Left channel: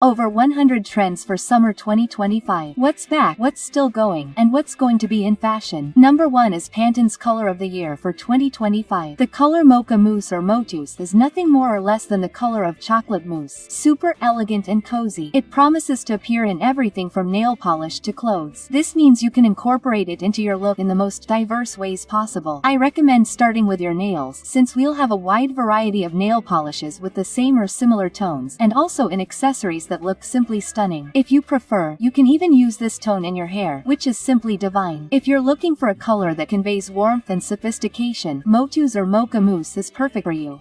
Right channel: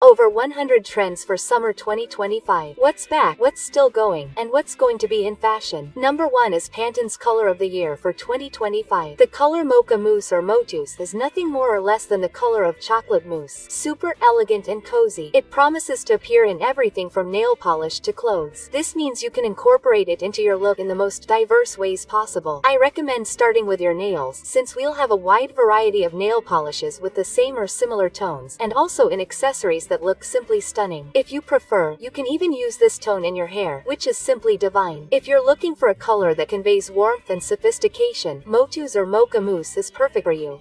Over 100 trends for summer 2025. What's back, what's still going, and what's going to be in fashion. Number 1 is Pantone's color of the year for 2025. The color Mocha Mousse or Motus is nothing more or less than the color of chocolate mousse. Super elegant and cozy. It promises to appear in everything from nail polish to clothes. This means you can incorporate it into your look in the most diverse ways possible. I recommend starting with your nails, since we'll have a wide variety of nail polishes with the same or similar tones, and also in accessories that look simply stunning. If you prefer, you can even use this tone in your hair, which is simply divine. If you're looking for a color that conveys warmth and sophistication, Motus or Mocha Mousse is perfect for you.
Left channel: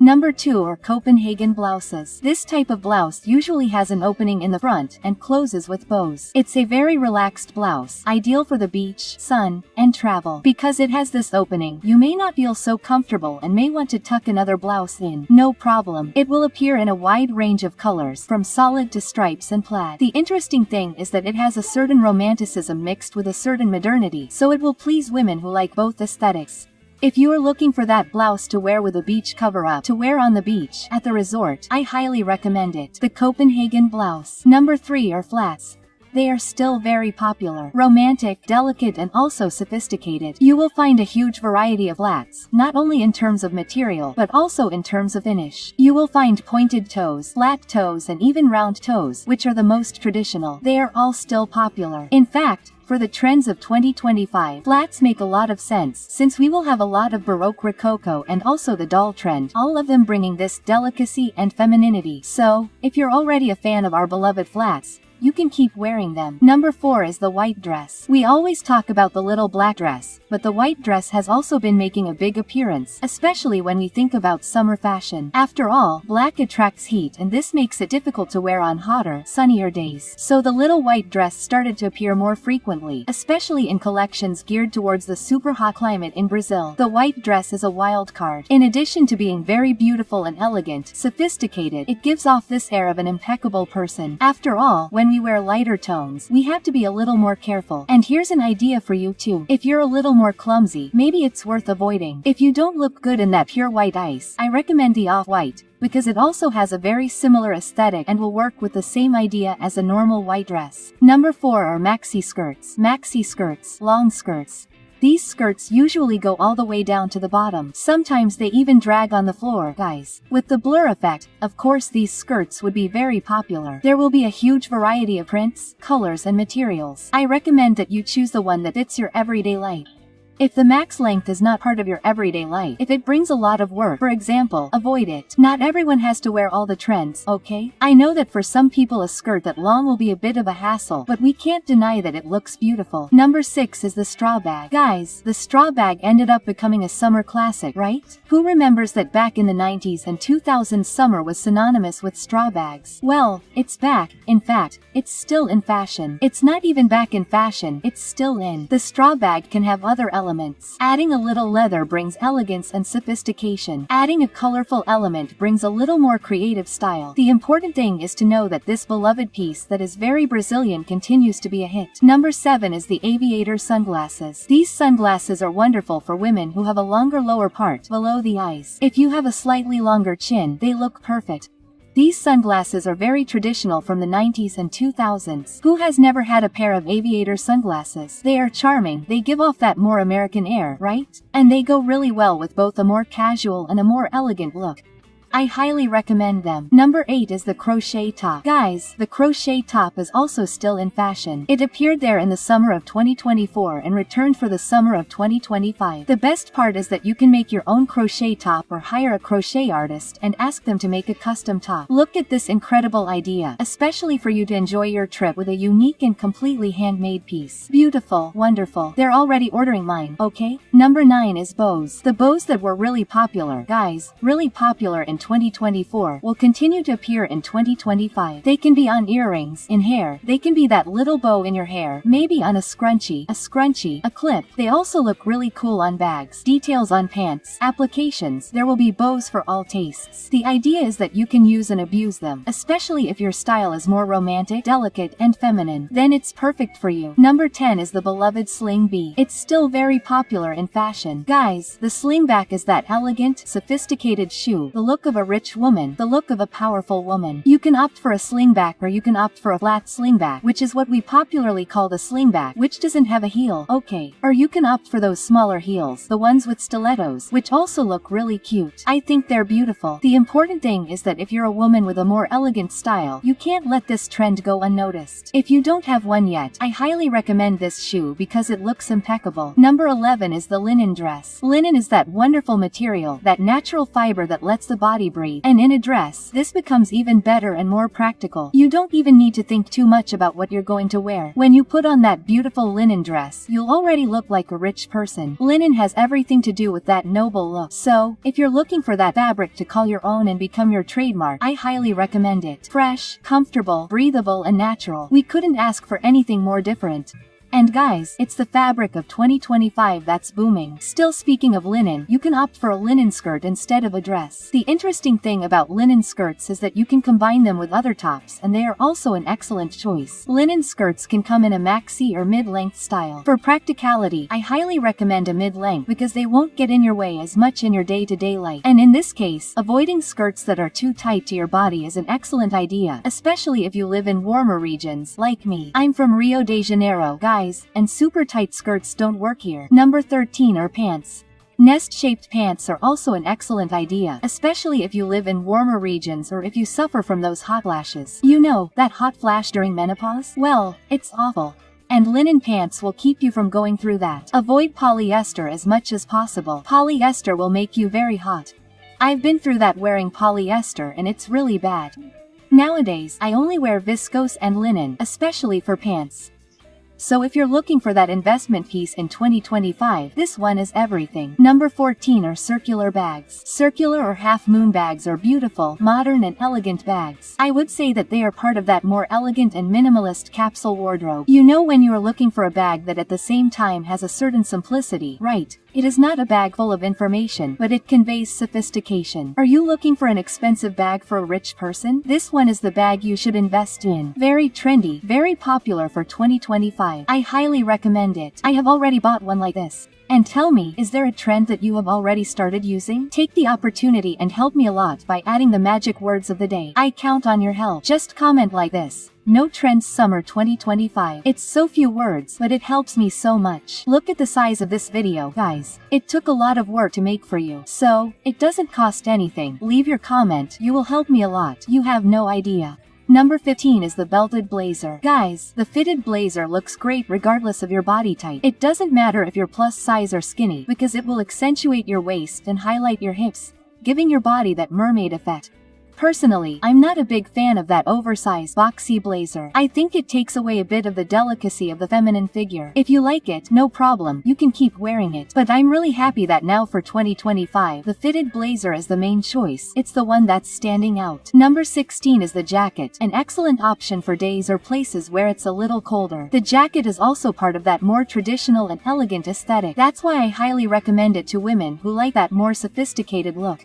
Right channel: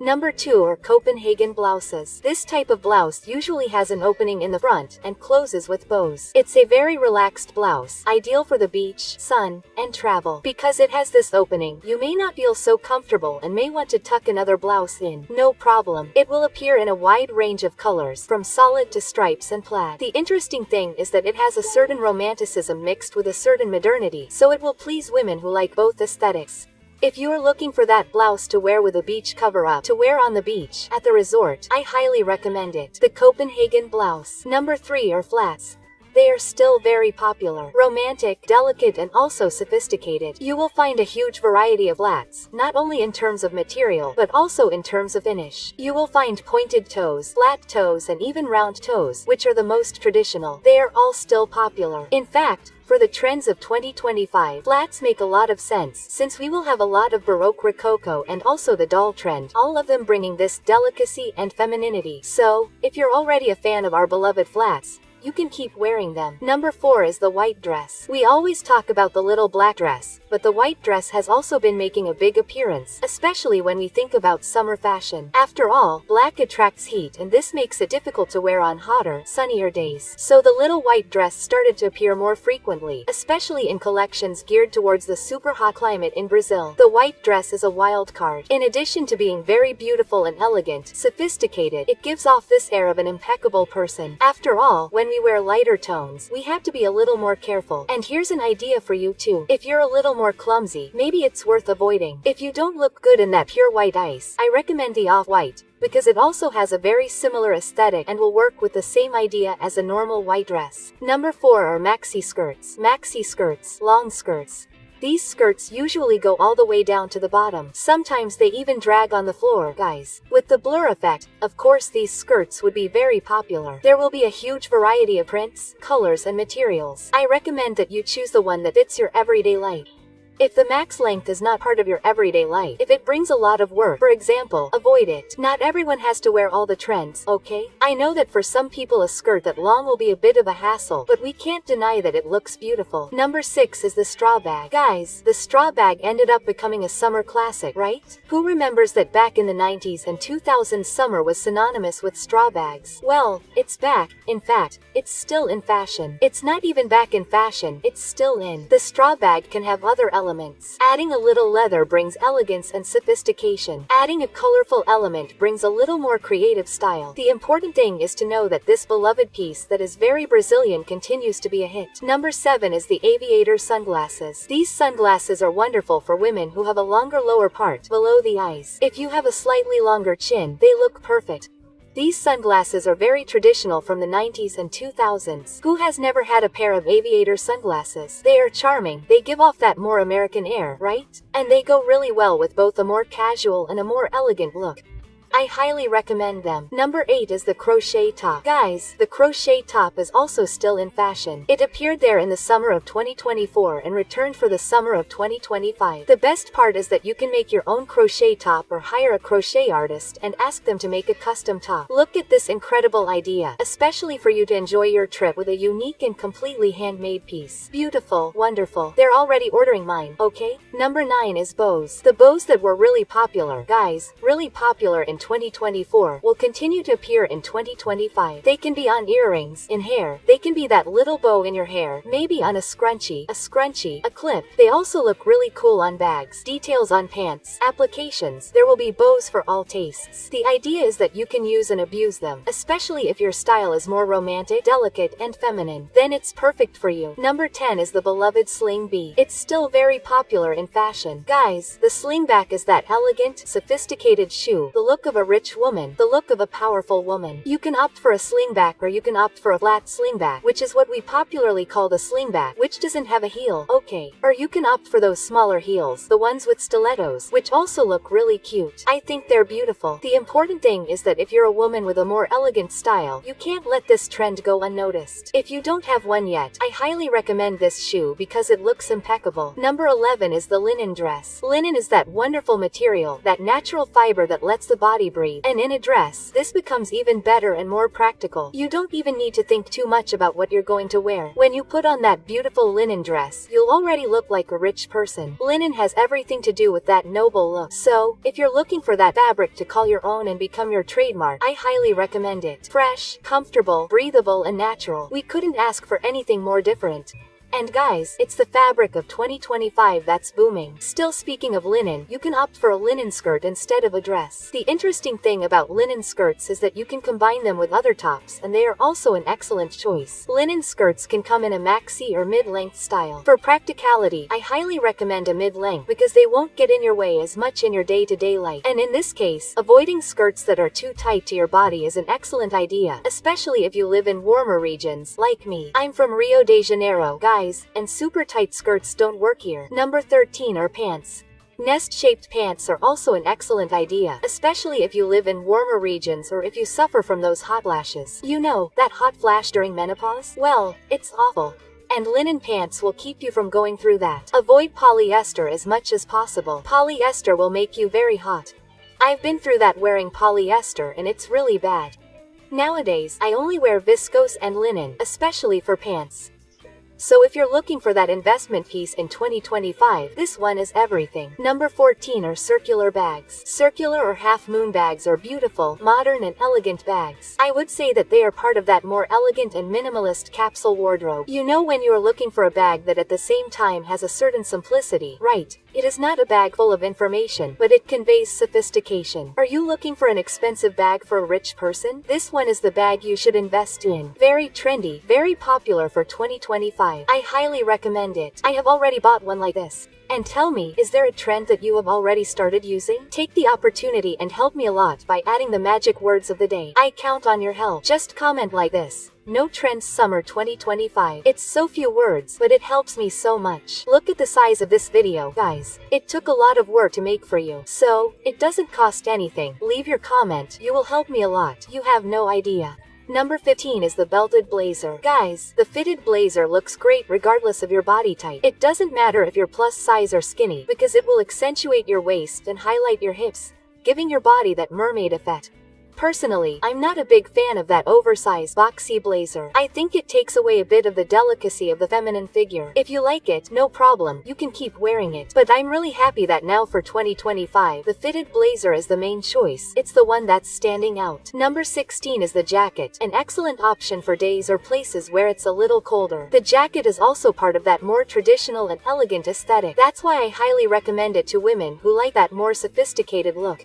Number 2 are Copenhagen blouses. This type of blouse usually has an opening in the front and closes with bows. It's a very relaxed blouse, ideal for the beach, sun, and travel. Because it has this opening, you may not feel so comfortable and may want to tuck another blouse in. No problem. It will appear in a wide range of colors, from solid to stripes and plaid. The interesting thing is that it has a certain romanticism mixed with a certain modernity, so it will please women who like both aesthetics. If you are looking for that blouse to wear with a beach cover-up to wear on the beach, at the resort, I highly recommend it. The Copenhagen blouse. Number 3 are flats. They are still very popular, romantic, delicate, and also sophisticated. You will find a huge variety of flats, not only in terms of material, but also in terms of finish. You will find pointed toes, flat toes, and even round toes, which are the most traditional. They are all still popular. In fact, for the trends of 2025, flats make a lot of sense, since we will have a lot of Baroque Rococo and also the doll trend, all of them bringing this delicacy and femininity. So, if you're already a fan of our beloved flats, you can keep wearing them. Number 4 is the white dress. We always talk about the little black dress, but the white dress has also been making a big appearance, especially when we think about summer fashion. After all, black attracts heat, and this makes it difficult to wear on hotter, sunnier days. So the little white dress started to appear more frequently, especially in collections geared towards the super hot climate in Brazil. The white dress is a wild card. In addition to being very beautiful and elegant, sophisticated, it gives off this air of an impeccable person. After all, when we wear lighter tones, we have to be a little more careful. And here's an idea for you too. If you're a little more clumsy, maybe it's worth avoiding. If you don't look good in that pure white ice, I recommend the off-white, because it also has a very similar aesthetic and will work with the same idea as a normal white dress. Number 4 are maxi skirts. Maxi skirts, long skirts. These skirts usually go all the way down to the bottom. Sometimes they even drag on the floor, guys. With the blur effect, of course these skirts would be very popular. There will be a huge variety of prints, colors, and materials. I recommend that you choose the one that fits your everyday life. If the max length is not part of your everyday life, if it brings a lot of work, for example, avoid it. Not everyone has to wear all the trends, okay? I know that for some people a skirt that long will be a bit of a hassle, but we can't deny that it looks beautiful. Number 6 is the straw bag. Guys, the straw bag ended up becoming a summer classic, right? Who remembers that back in the 90s and 2000s summer was synonymous with straw bags? Well, it's back. In fact, it's still in fashion. It's not even back in fashion, it's still in. The straw bag can have other elements. Adding a little leather brings elegance and sophistication. Adding a colorful element brings a little more creative style. The important thing is to know that this beloved piece that is very Brazilian continues to be a hit. Number 7 is the aviator sunglasses. These sunglasses are wonderful for women who have a longer lower part below the eyes. If you have a slightly longer chin, they look perfect. These sunglasses are very traditional from the 90s and 2000s. Who has never had a pair of aviator sunglasses? They are charming, they give off that more American air, right? And they go really well with both a more casual and a more elegant look. I highly recommend them. Number 8 is the crochet top. Guys, the crochet top is also still in fashion. It appeared there in the summer of 2024 and returned for the summer of 2025. The best part is that you can make your own crochet top or hire a crochet artist and ask them to make a custom top. Look at this incredible idea, especially for you to enjoy your trip with a unique and completely handmade piece. Beautiful, wonderful. They're already ordering mine, okay? Number 9 is bows. The bows that were really popular, guys, really popular in 2024 will continue to appear in 2025. They can be on earrings, in hair, they can be that little bow in your hair, maybe on a scrunchie, a clip. They also look really cool on bags, details on pants, applications. There will be bows for all tastes. The idea is that you can use and abuse them, especially if your style is more romantic, delicate, and feminine. Then it's perfect for you. Number 10 is the beloved sling bee. It's still very popular in fashion. Guys, the slingback is that elegant, sophisticated shoe. The look of of a rich woman, the look of a powerful woman. You can opt for a slingback or you can opt for a flat slingback, which is what we popularly call the slingback, which doesn't have a heel, okay. Or you can opt for those smaller heels, the ones with stilettos, which also look really cute. I think they're beautiful. The important thing is that if you're a woman with a more elegant style, you can't let this trend go unnoticed. If you don't have one yet, I highly recommend this shoe because it looks impeccable. Number 11 is the linen dress. Linen is that wonderful material, that natural fiber that lets the body breathe, and in a dress, this becomes even better and more practical. You don't even need to think too much about what you're going to wear. When you put on that beautiful linen dress, you'll already look like a rich person. Linen has everything to do with that noble look. So, if you're looking for that fabric to call your own and become your trademark, I highly recommend it. Fresh, comfortable, breathable, and natural. We couldn't ask for anything more different. And guys, it's the fabric of 2025 that's booming. Still speaking of linen, you can opt for a linen skirt instead of a dress. The interesting thing about linen skirts is that you can combine them with other tops, and they are also an excellent choice. Linen skirts can come in a maxi or mid-length style. For practicality, I highly recommend a mid-length because they won't get in your way as much in your day-to-day life. And in this case, avoiding skirts that are too tight to your body is an excellent idea, especially if you live in warmer regions, like me. I'm from Rio de Janeiro, guys, and super tight skirts don't work here. Number 13 are pants. Nest-shaped pants are also an excellent idea, especially if you live in warmer regions or if you suffer from those hot flashes. You know, that hot flash during menopause? Well, it's awful. And linen pants will keep you from going through that. Avoid polyester as much as possible. Polyester will make you very hot. I've been through that wearing polyester and it's really bad. Nowadays, I only wear viscose and linen, especially for pants. So if you're looking for that investment piece in 2025, this one is everything. Number 14 are circular bags. Circular or half-moon bags are beautiful, modern and elegant bags. I would say that they are part of that more elegant and minimalist capsule wardrobe. You know when you are looking for a bag that at the same time has a certain simplicity, right? It is not a bag full of information, but it conveys sophistication. Are you looking for an expensive bag for a rich person? This one is the bag you should invest in. Very trendy, very popular for 2025. I highly recommend it. I have already bought one like this. And tell me, is there a trend that you have already started using? Take the opportunity and help me a lot by adding the magic words of the day. I count on your help. Just comment like this: "No trends summer 2025. It's so few words, but it helps me so much. Look at the size of this video, guys. It took a lot of work to make for you. So, it doesn't cost anything. Leave your comment. You will help me a lot. You have no idea. Number 15 is the belted blazer. Guys, the fitted blazer looks great regardless of your body type. It doesn't matter if you're plus size or skinny, because it will accentuate your waist and highlight your hips, giving your body that mermaid effect. Personally, I'm not a big fan of that oversized, boxy blazer. I think it takes away a bit of the delicacy of the feminine figure. If you like it, no problem, you can keep wearing it. But I'm really happy that now for 2025, the fitted blazer is the main choice. It's the one that's standing out. Number 16 is the jacket, an excellent option for days or places where it's a little colder. The jacket is also part of that more traditional and elegant aesthetic. That's why I highly recommend it to women who like that more sophisticated look.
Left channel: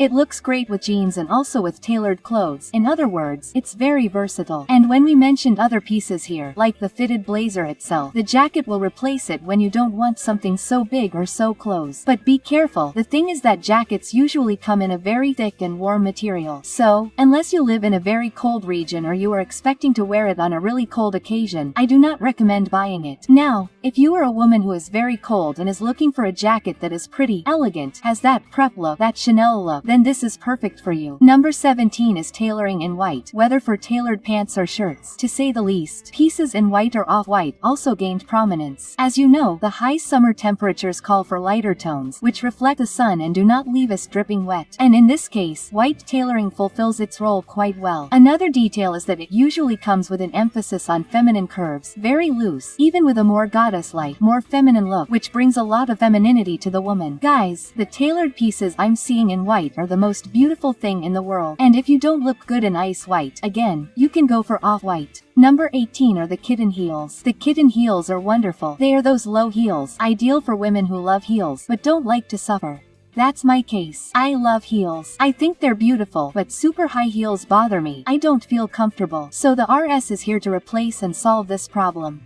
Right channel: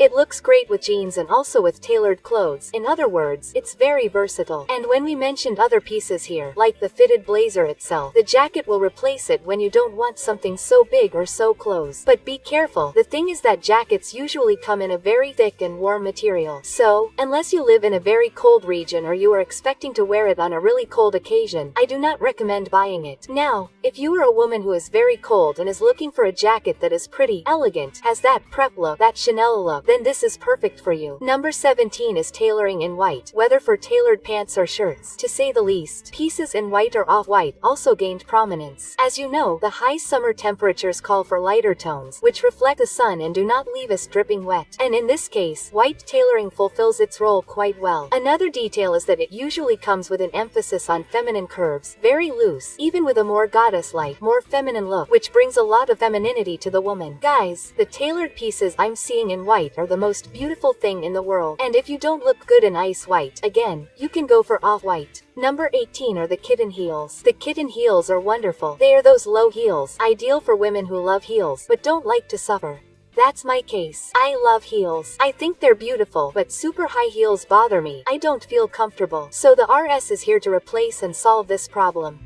It looks great with jeans and also with tailored clothes. In other words, it's very versatile. And when we mentioned other pieces here, like the fitted blazer itself, the jacket will replace it when you don't want something so big or so close. But be careful, the thing is that jackets usually come in a very thick and warm material. So, unless you live in a very cold region or you are expecting to wear it on a really cold occasion, I do not recommend buying it. Now, if you are a woman who is very cold and is looking for a jacket that is pretty, elegant, has that prep look, that Chanel look, then this is perfect for you. Number 17 is tailoring in white, whether for tailored pants or shirts. To say the least, pieces in white or off-white also gained prominence. As you know, the high summer temperatures call for lighter tones, which reflect the sun and do not leave us dripping wet. And in this case, white tailoring fulfills its role quite well. Another detail is that it usually comes with an emphasis on feminine curves, very loose, even with a more goddess-like, more feminine look, which brings a lot of femininity to the woman. Guys, the tailored pieces I'm seeing in white are the most beautiful thing in the world. And if you don't look good in ice white, again, you can go for off-white. Number 18 are the kitten heels. The kitten heels are wonderful. They are those low heels, ideal for women who love heels, but don't like to suffer. That's my case. I love heels. I think they're beautiful, but super high heels bother me. I don't feel comfortable. So the RS is here to replace and solve this problem.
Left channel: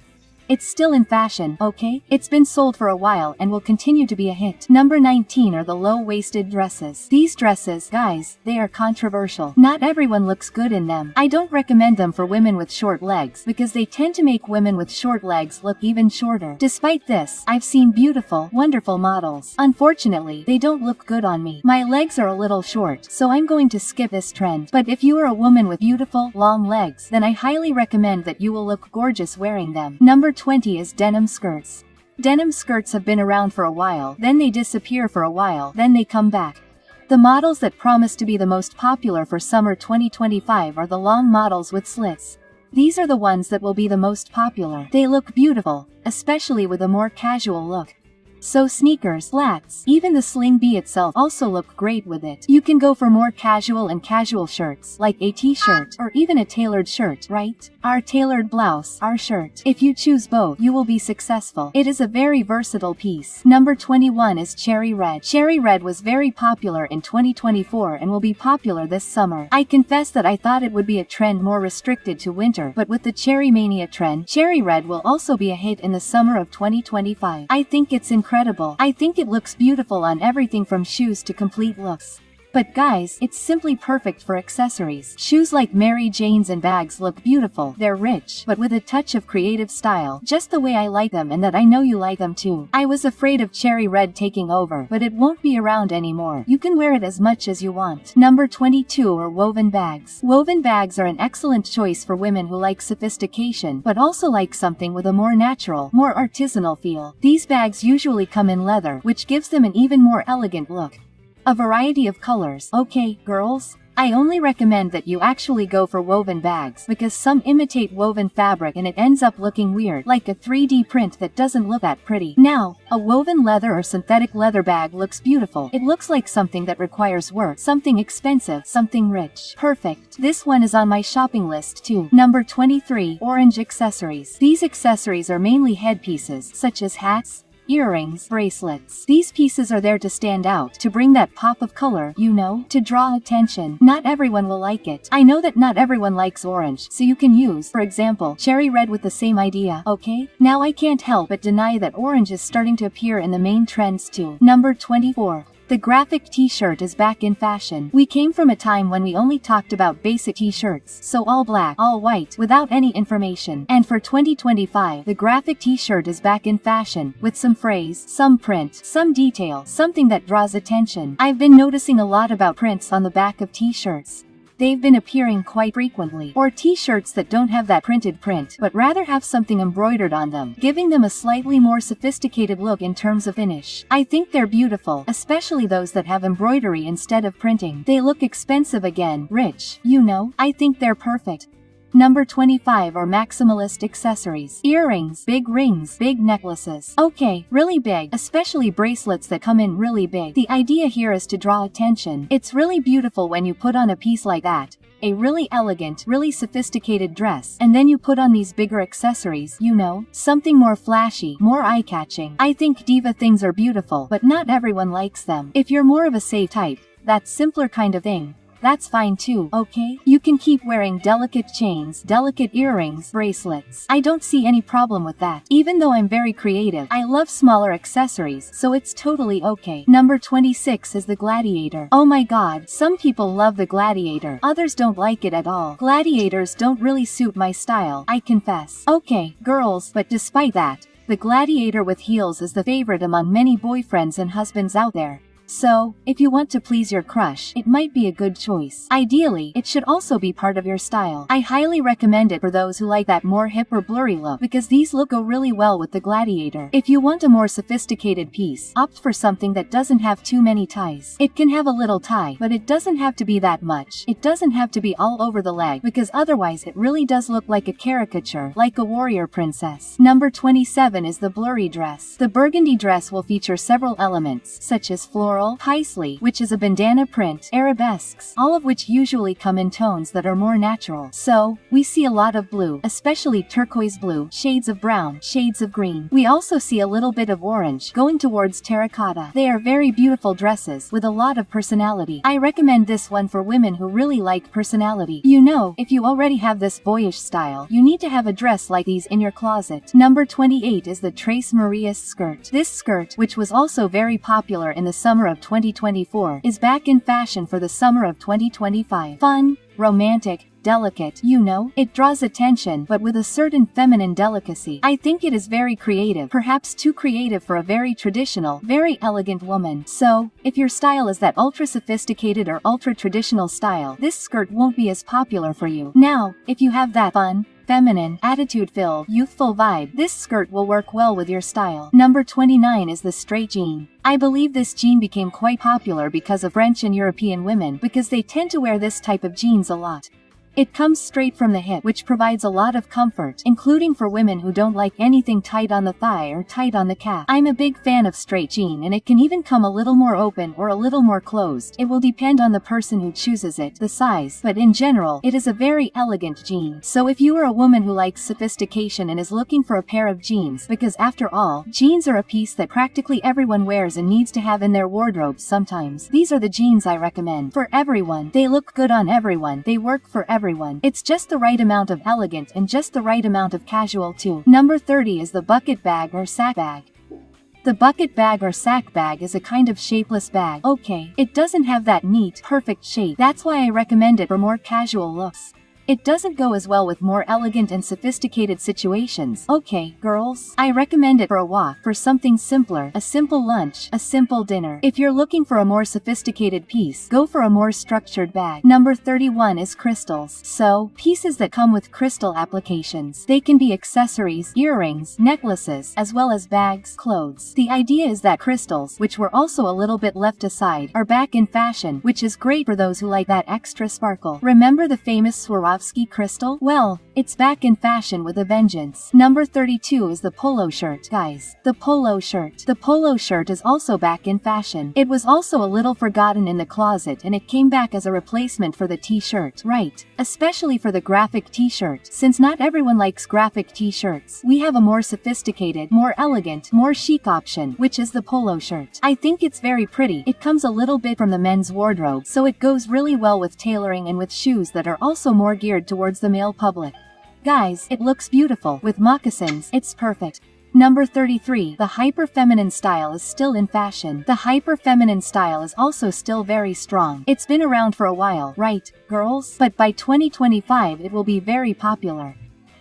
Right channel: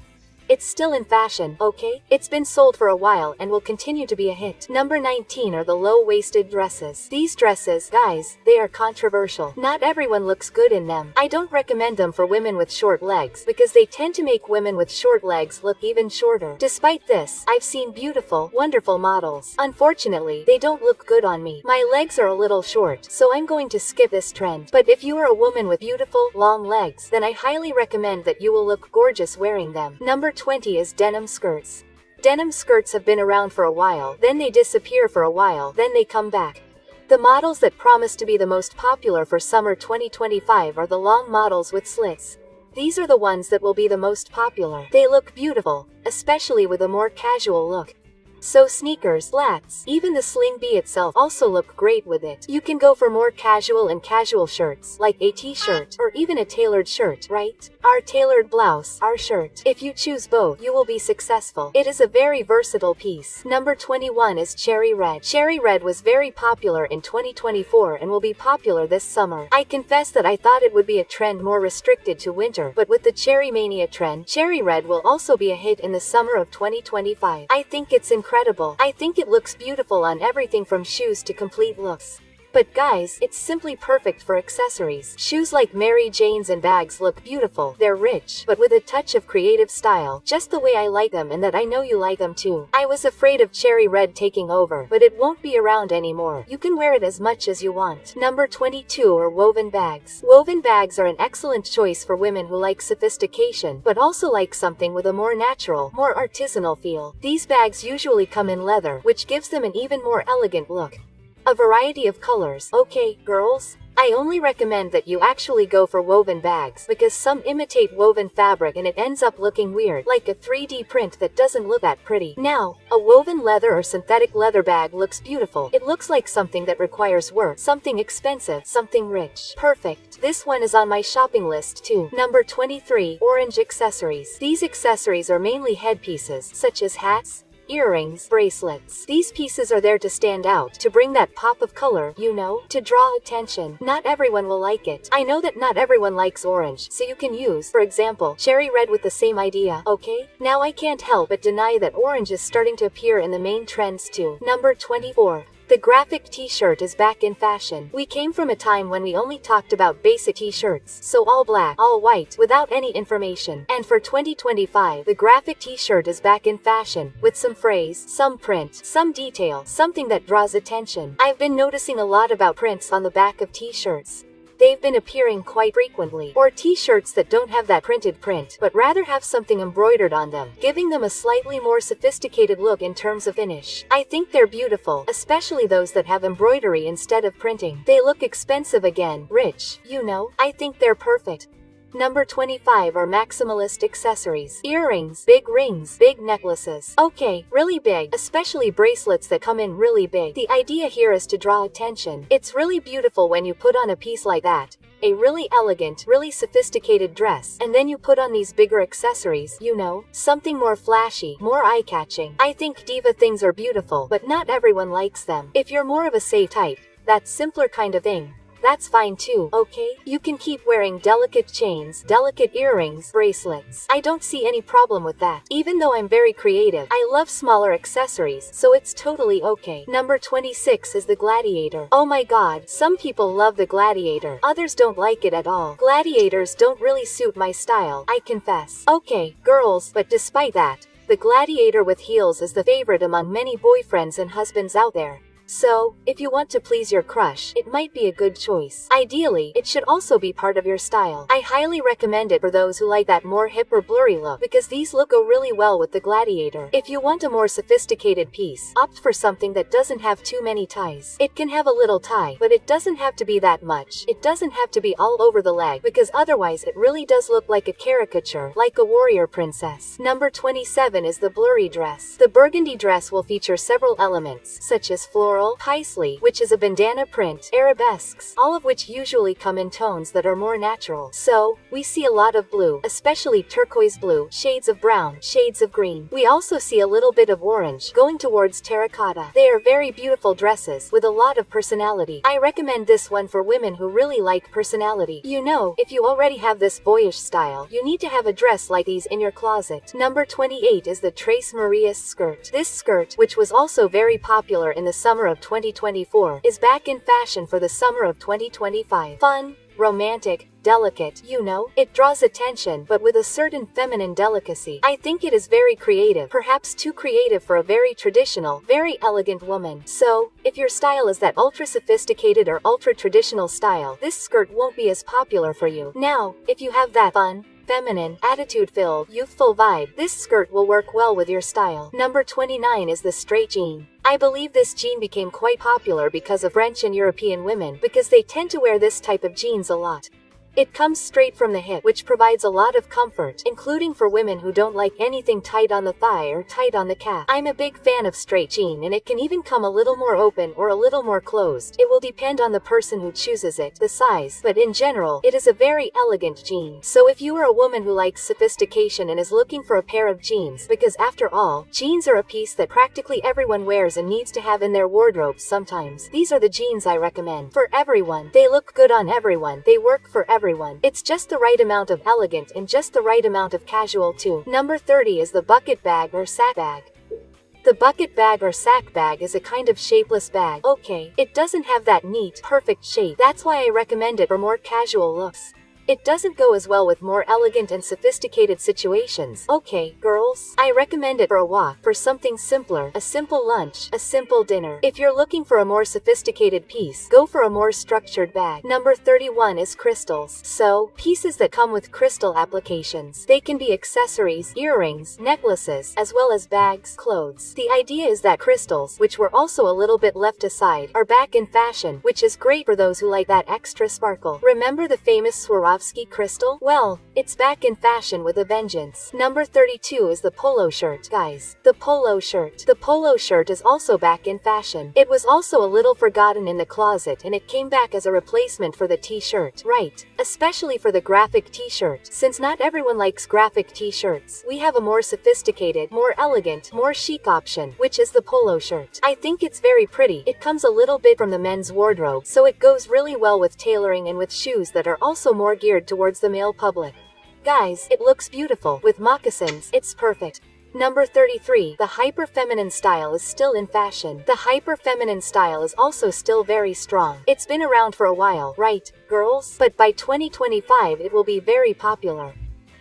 It's still in fashion, okay? It's been sold for a while and will continue to be a hit. Number 19 are the low-waisted dresses. These dresses, guys, they are controversial. Not everyone looks good in them. I don't recommend them for women with short legs because they tend to make women with short legs look even shorter. Despite this, I've seen beautiful, wonderful models. Unfortunately, they don't look good on me. My legs are a little short, so I'm going to skip this trend. But if you are a woman with beautiful, long legs, then I highly recommend that you will look gorgeous wearing them. Number 20 is denim skirts. Denim skirts have been around for a while, then they disappear for a while, then they come back. The models that promise to be the most popular for summer 2025 are the long models with slits. These are the ones that will be the most popular. They look beautiful, especially with a more casual look. So sneakers, flats, even the sling bee itself also look great with it. You can go for more casual and casual shirts, like a t-shirt, or even a tailored shirt, right? Our tailored blouse, our shirt. If you choose both, you will be successful. It is a very versatile piece. Number 21 is cherry red. Cherry red was very popular in 2024 and will be popular this summer. I confess that I thought it would be a trend more restricted to winter, but with the cherry mania trend, cherry red will also be a hit in the summer of 2025. I think it's incredible. I think it looks beautiful on everything from shoes to complete looks. But guys, it's simply perfect for accessories. Shoes like Mary Jane's and bags look beautiful. They're rich, but with a touch of creative style, just the way I like them and that I know you like them too. I was afraid of cherry red taking over, but it won't be around anymore. You can wear it as much as you want. Number 22 are woven bags. Woven bags are an excellent choice for women who like sophistication, but also like something with a more natural, more artisanal feel. These bags usually come in leather, which gives them an even more elegant look. A variety of colors. Okay, girls? I only recommend that you actually go for woven bags because some imitate woven fabric and it ends up looking weird, like a 3D print that doesn't look that pretty. Now, a woven leather or synthetic leather bag looks beautiful. It looks like something that requires work, something expensive, something rich. Perfect. This one is on my shopping list too. Number 23, orange accessories. These accessories are mainly headpieces, such as hats, earrings, bracelets. These pieces are there to stand out, to bring that pop of color, you know, to draw attention. Not everyone will like it. I know that not everyone likes orange, so you can use, for example, cherry red with the same idea, okay? Now I can't help but deny that orange is starting to appear in the main trends too. Number 24. The graphic t-shirt is back in fashion. We came from a time when we only talked about basic t-shirts, so all black, all white, without any information. And for 2025, the graphic t-shirt is back in fashion, with some phrase, some print, some detail, something that draws attention. I've been noticing a lot about prints on the back of t-shirts. They've been appearing quite frequently. Or t-shirts that don't have that printed print, but rather have something embroidered on them, giving them a slightly more sophisticated look in terms of finish. I think they're beautiful, especially those that have embroidery instead of printing. They look expensive again, rich, you know. I think they're perfect. Number 25 are maximalist accessories. Earrings, big rings, big necklaces. Okay, really big, especially bracelets that come in really big. The idea here is to draw attention. It's really beautiful when you put on a piece like that, a really elegant, really sophisticated dress, and then you put on these bigger accessories, you know, something more flashy, more eye-catching. I think diva things are beautiful, but not everyone likes them. If you're more of a safe type, that simpler kind of thing, that's fine too, okay? You can keep wearing delicate chains, delicate earrings, bracelets. I don't see any problem with that. Even though I'm very creative, I love smaller accessories, so it's totally okay. Number 26 is the gladiator. Oh my god, some people love the gladiator, others don't like it at all. Gladiators don't really suit my style, I confess. Okay, girls, but despite that, the gladiator with heels is the favorite among many boyfriends and husbands out there. So, if you want to please your crush, it might be a good choice. Ideally, it should also be part of your style. I highly recommend it for those who like that more hip or blurry look, because these look go really well with the gladiator. If you want a more sophisticated piece, opt for something that doesn't have too many ties. It can have a little tie, but it doesn't have to be that much. It doesn't have to be all over the leg, because otherwise it really does look like a caricature, like a warrior princess. Number 27 is the blurry dress. The burgundy dress will feature several elements, such as floral, girl, paisley, which is a bandana print, arabesques, all of which usually come in tones that are more natural. So, we see a lot of blue, especially turquoise blue, shades of brown, shades of green. We also see a little bit of orange, going towards terracotta. They are very beautiful dresses, with a lot of personality. I recommend this one for women who really like personality. You know, if you already have this boyish style, you need to have a dress like these in your closet. Number 28 is the Tres Marias skirt. This skirt, which was also very popular in the summer of 2024, is back in fashion for the summer of 2025. Fun, romantic, delicate, you know, it draws attention but with a certain feminine delicacy. I think it is very creative, perhaps too creative for a very traditional, very elegant woman. So, if your style is that ultra sophisticated or ultra traditional style, this skirt won't be as popular for you. Now, if you have that fun, feminine, attitude-filled, youthful vibe, this skirt will work well with your style. Number 29 is the straight jean. I believe this jean became quite popular because of French and European women, because they tend to wear this type of jeans a lot. It comes straight from the hip, which provides a lot of comfort, including for women who don't like anything tight on the thigh or tight on the calf. I'm a big fan of straight jean, and it can even come a little more open or a little more closed. It will depend on the person who chooses it, the size, but in general, it is a very elegant jean. So if you are a woman who likes sophistication and is looking for a pair of jeans, because after all, jeans are a piece that practically everyone wears and needs to have in their wardrobe sometimes, these are the jeans I recommend. For everyone. They look good on everyone. They work for everyone. It's just the right amount of elegant and just the right amount of casual too. Number 30 is the bucket bag or sack bag. The bucket bag or sack bag is a kind of shapeless bag. Okay, it doesn't have that neat, perfect shape. That's why I recommend it for more casual looks. It doesn't go as well with more elegant and sophisticated situations. Okay, girls, I recommend it for a walk, for something simpler, a simple lunch, a simple dinner. If you're looking for a more sophisticated piece, go for a more structured bag. Number 31 is crystals. So, pieces that come with crystal applications. They can be accessories, earrings, necklaces, as well as bags, clothes. The idea is that crystals, which were also a little bit left aside, are back in fashion, which is great for those who like that extra sparkle. Remember the famous Swarovski crystal? Well, it's back in fashion with a vengeance. Number 32 is the polo shirt. Guys, the polo shirt. The polo shirt is also back in fashion. It was also a little forgotten in the closet and it came back as a replacement for the t-shirt. Right. Especially for the graphic t-shirt. Since not everyone likes graphic t-shirts, we have a more sophisticated, more elegant, more chic option, which is the polo shirt. I think it's very pretty. It comes a little bit from the men's wardrobe, so it goes really well with tailoring and with shoes that are also more geared towards the male public. Guys, it looks beautiful. With moccasins, it's perfect. Number 33, the hyper-feminine style is still in fashion. The hyper-feminine style is also still very strong. It's been around for a while, right, girls? But by 2025 it will be very popular.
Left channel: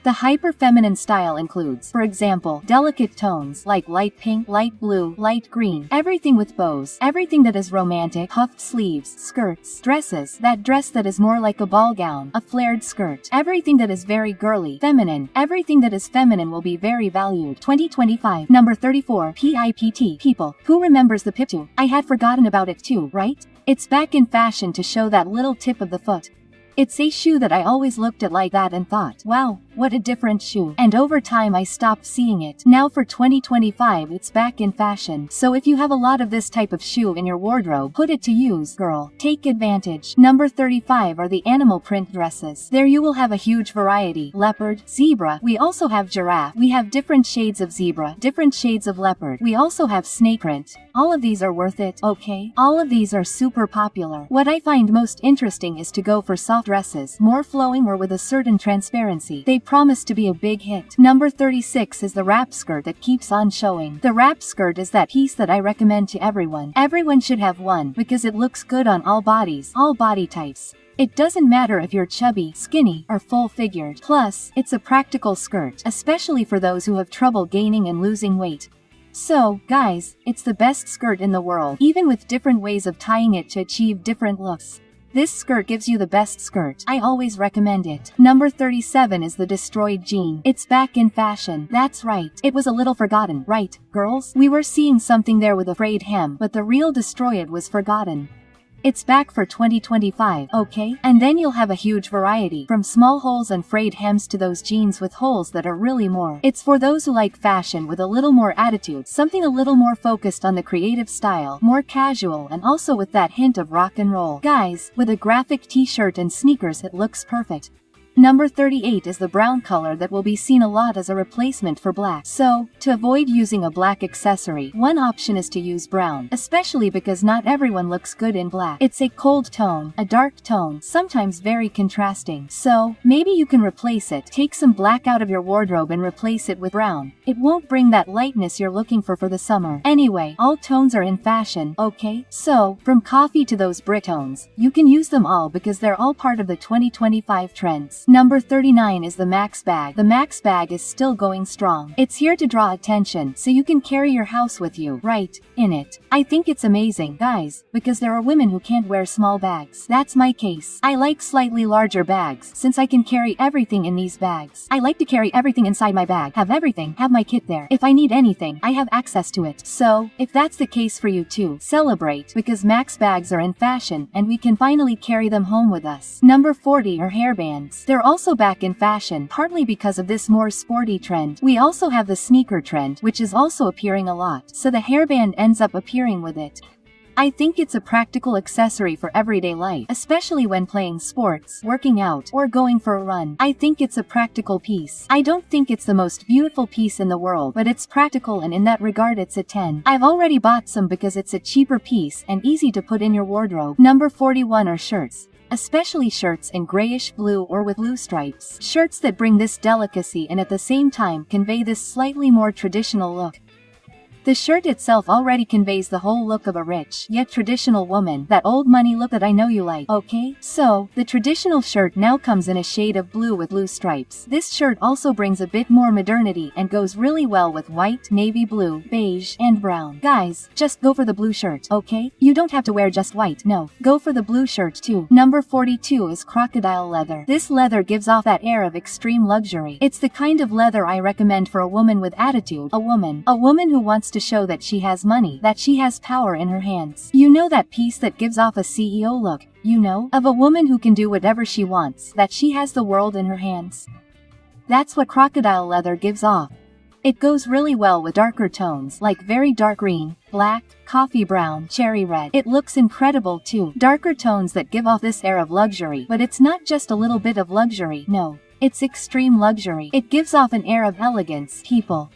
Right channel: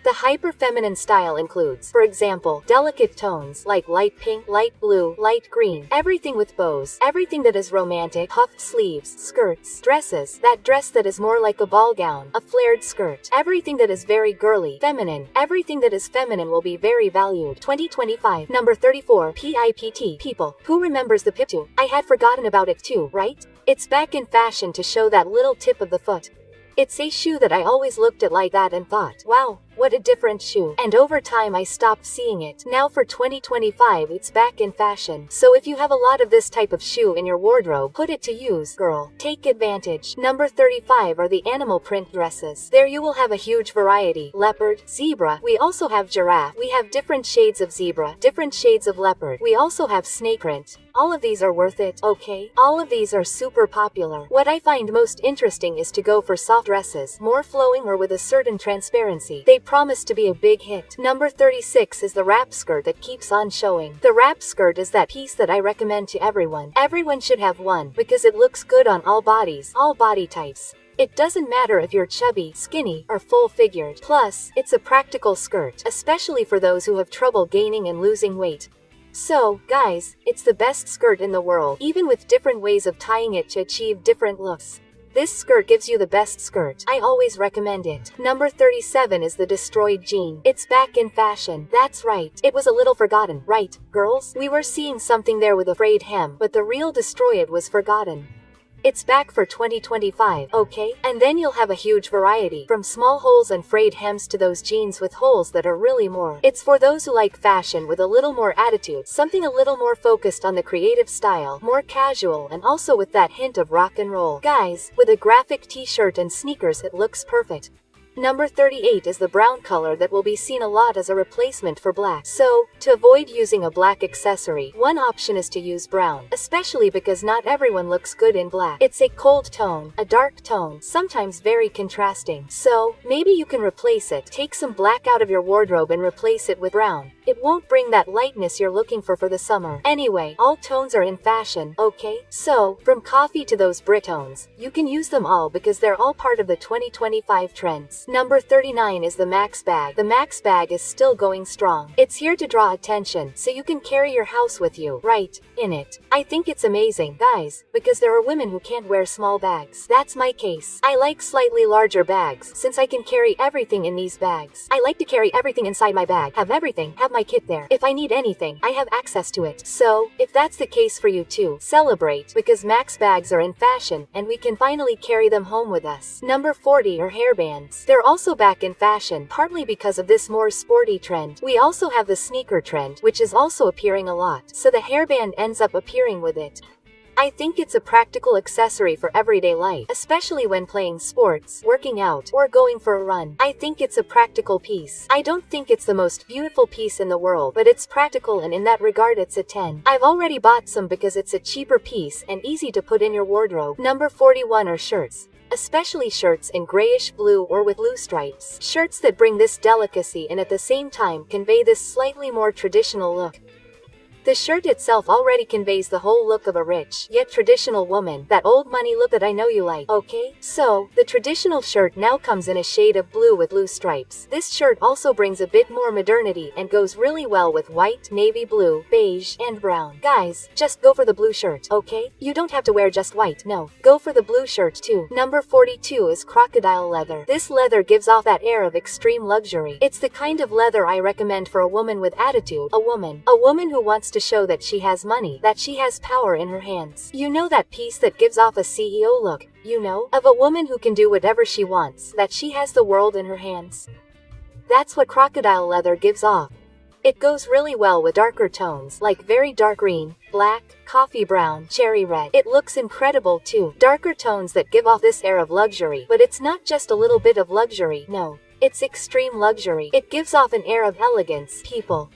The hyper-feminine style includes, for example, delicate tones like light pink, light blue, light green, everything with bows, everything that is romantic, puffed sleeves, skirts, dresses, that dress that is more like a ball gown, a flared skirt, everything that is very girly, feminine, everything that is feminine will be very valued. 2025. Number 34, PIPT, people. Who remembers the piptu? I had forgotten about it too, right? It's back in fashion to show that little tip of the foot. It's a shoe that I always looked at like that and thought, wow, what a different shoe. And over time I stopped seeing it. Now for 2025 it's back in fashion. So if you have a lot of this type of shoe in your wardrobe, put it to use, girl. Take advantage. Number 35 are the animal print dresses. There you will have a huge variety. Leopard, zebra. We also have giraffe. We have different shades of zebra, different shades of leopard. We also have snake print. All of these are worth it, okay? All of these are super popular. What I find most interesting is to go for soft dresses, more flowing or with a certain transparency. They promise to be a big hit. Number 36 is the wrap skirt that keeps on showing. The wrap skirt is that piece that I recommend to everyone. Everyone should have one because it looks good on all bodies, all body types. It doesn't matter if you're chubby, skinny, or full-figured. Plus, it's a practical skirt, especially for those who have trouble gaining and losing weight. So, guys, it's the best skirt in the world, even with different ways of tying it to achieve different looks. This skirt gives you the best skirt. I always recommend it. Number 37 is the destroyed jean. It's back in fashion. That's right. It was a little forgotten, right, girls? We were seeing something there with a frayed hem, but the real destroyed was forgotten. It's back for 2025, okay? And then you'll have a huge variety, from small holes and frayed hems to those jeans with holes that are really more. It's for those who like fashion with a little more attitude, something a little more focused on the creative style, more casual, and also with that hint of rock and roll. Guys, with a graphic t-shirt and sneakers, it looks perfect. Number 38 is the brown color that will be seen a lot as a replacement for black. So, to avoid using a black accessory, one option is to use brown, especially because not everyone looks good in black. It's a cold tone, a dark tone, sometimes very contrasting. So, maybe you can replace it. Take some black out of your wardrobe and replace it with brown. It won't bring that lightness you're looking for the summer. Anyway, all tones are in fashion, okay? So, from coffee to those brick tones, you can use them all because they're all part of the 2025 trends. Number 39 is the Max bag. The Max bag is still going strong. It's here to draw attention, so you can carry your house with you, right, in it. I think it's amazing, guys, because there are women who can't wear small bags. That's my case. I like slightly larger bags, since I can carry everything in these bags. I like to carry everything inside my bag, have everything, have my kit there. If I need anything, I have access to it. So, if that's the case for you too, celebrate, because Max bags are in fashion, and we can finally carry them home with us. Number 40 are hairbands. They're also back in fashion, partly because of this more sporty trend. We also have the sneaker trend, which is also appearing a lot, so the hairband ends up appearing with it. I think it's a practical accessory for everyday life, especially when playing sports, working out, or going for a run. I think it's a practical piece. I don't think it's the most beautiful piece in the world, but it's practical, and in that regard it's a 10. I've already bought some because it's a cheaper piece and easy to put in your wardrobe. Number 41 are shirts. Especially shirts in grayish blue or with blue stripes. Shirts that bring this delicacy and at the same time convey this slightly more traditional look. The shirt itself already conveys the whole look of a rich, yet traditional woman, that old money look that I know you like, okay? So, the traditional shirt now comes in a shade of blue with blue stripes. This shirt also brings a bit more modernity and goes really well with white, navy blue, beige, and brown. Guys, just go for the blue shirt, okay? You don't have to wear just white, no. Go for the blue shirt too. Number 42 is crocodile leather. This leather gives off that air of extreme luxury. It's the kind of leather I recommend for a woman with attitude, a woman who wants to show that she has money, that she has power in her hands. You know, that piece that gives off a CEO look, you know, of a woman who can do whatever she wants, that she has the world in her hands. That's what crocodile leather gives off. It goes really well with darker tones, like very dark green, black, coffee brown, cherry red. It looks incredible too. Darker tones that give off this air of luxury, but it's not just a little bit of luxury, no. It's extreme luxury. It gives off an air of elegance, people.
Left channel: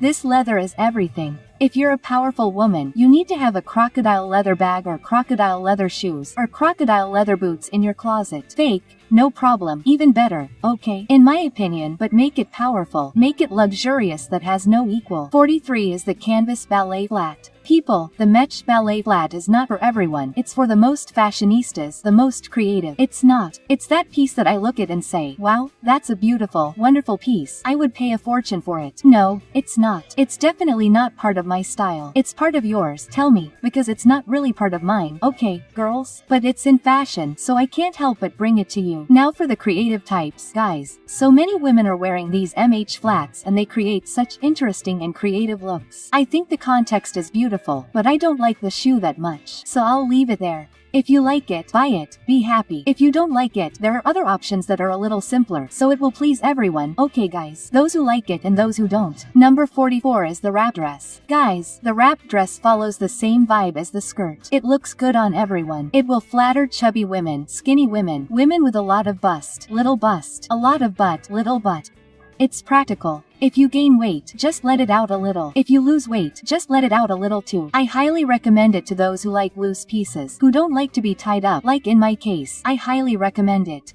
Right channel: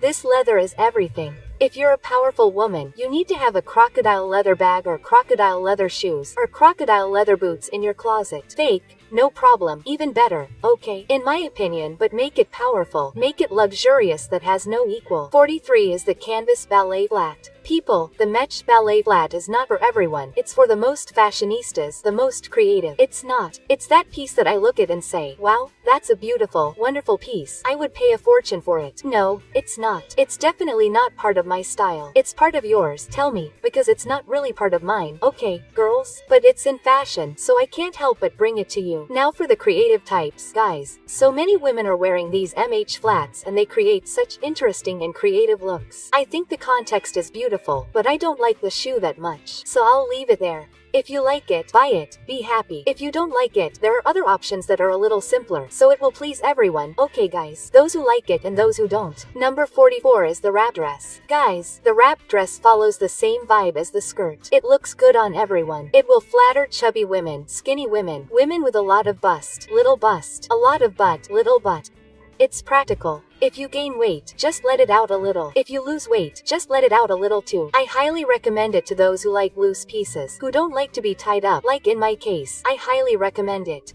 This leather is everything. If you're a powerful woman, you need to have a crocodile leather bag or crocodile leather shoes or crocodile leather boots in your closet. Fake, no problem, even better, okay? In my opinion, but make it powerful, make it luxurious that has no equal. 43 is the canvas ballet flat. People, the mesh ballet flat is not for everyone. It's for the most fashionistas, the most creative. It's not. It's that piece that I look at and say, wow, that's a beautiful, wonderful piece. I would pay a fortune for it. No, it's not. It's definitely not part of my style. It's part of yours, tell me, because it's not really part of mine. Okay, girls, but it's in fashion, so I can't help but bring it to you. Now for the creative types, guys. So many women are wearing these MH flats and they create such interesting and creative looks. I think the context is beautiful, but I don't like the shoe that much, so I'll leave it there. If you like it, buy it, be happy. If you don't like it, there are other options that are a little simpler, so it will please everyone. Okay guys, those who like it and those who don't. Number 44 is the wrap dress. Guys, the wrap dress follows the same vibe as the skirt. It looks good on everyone. It will flatter chubby women, skinny women, women with a lot of bust, a lot of butt, little butt. It's practical. If you gain weight, just let it out a little. If you lose weight, just let it out a little too. I highly recommend it to those who like loose pieces, who don't like to be tied up, like in my case. I highly recommend it.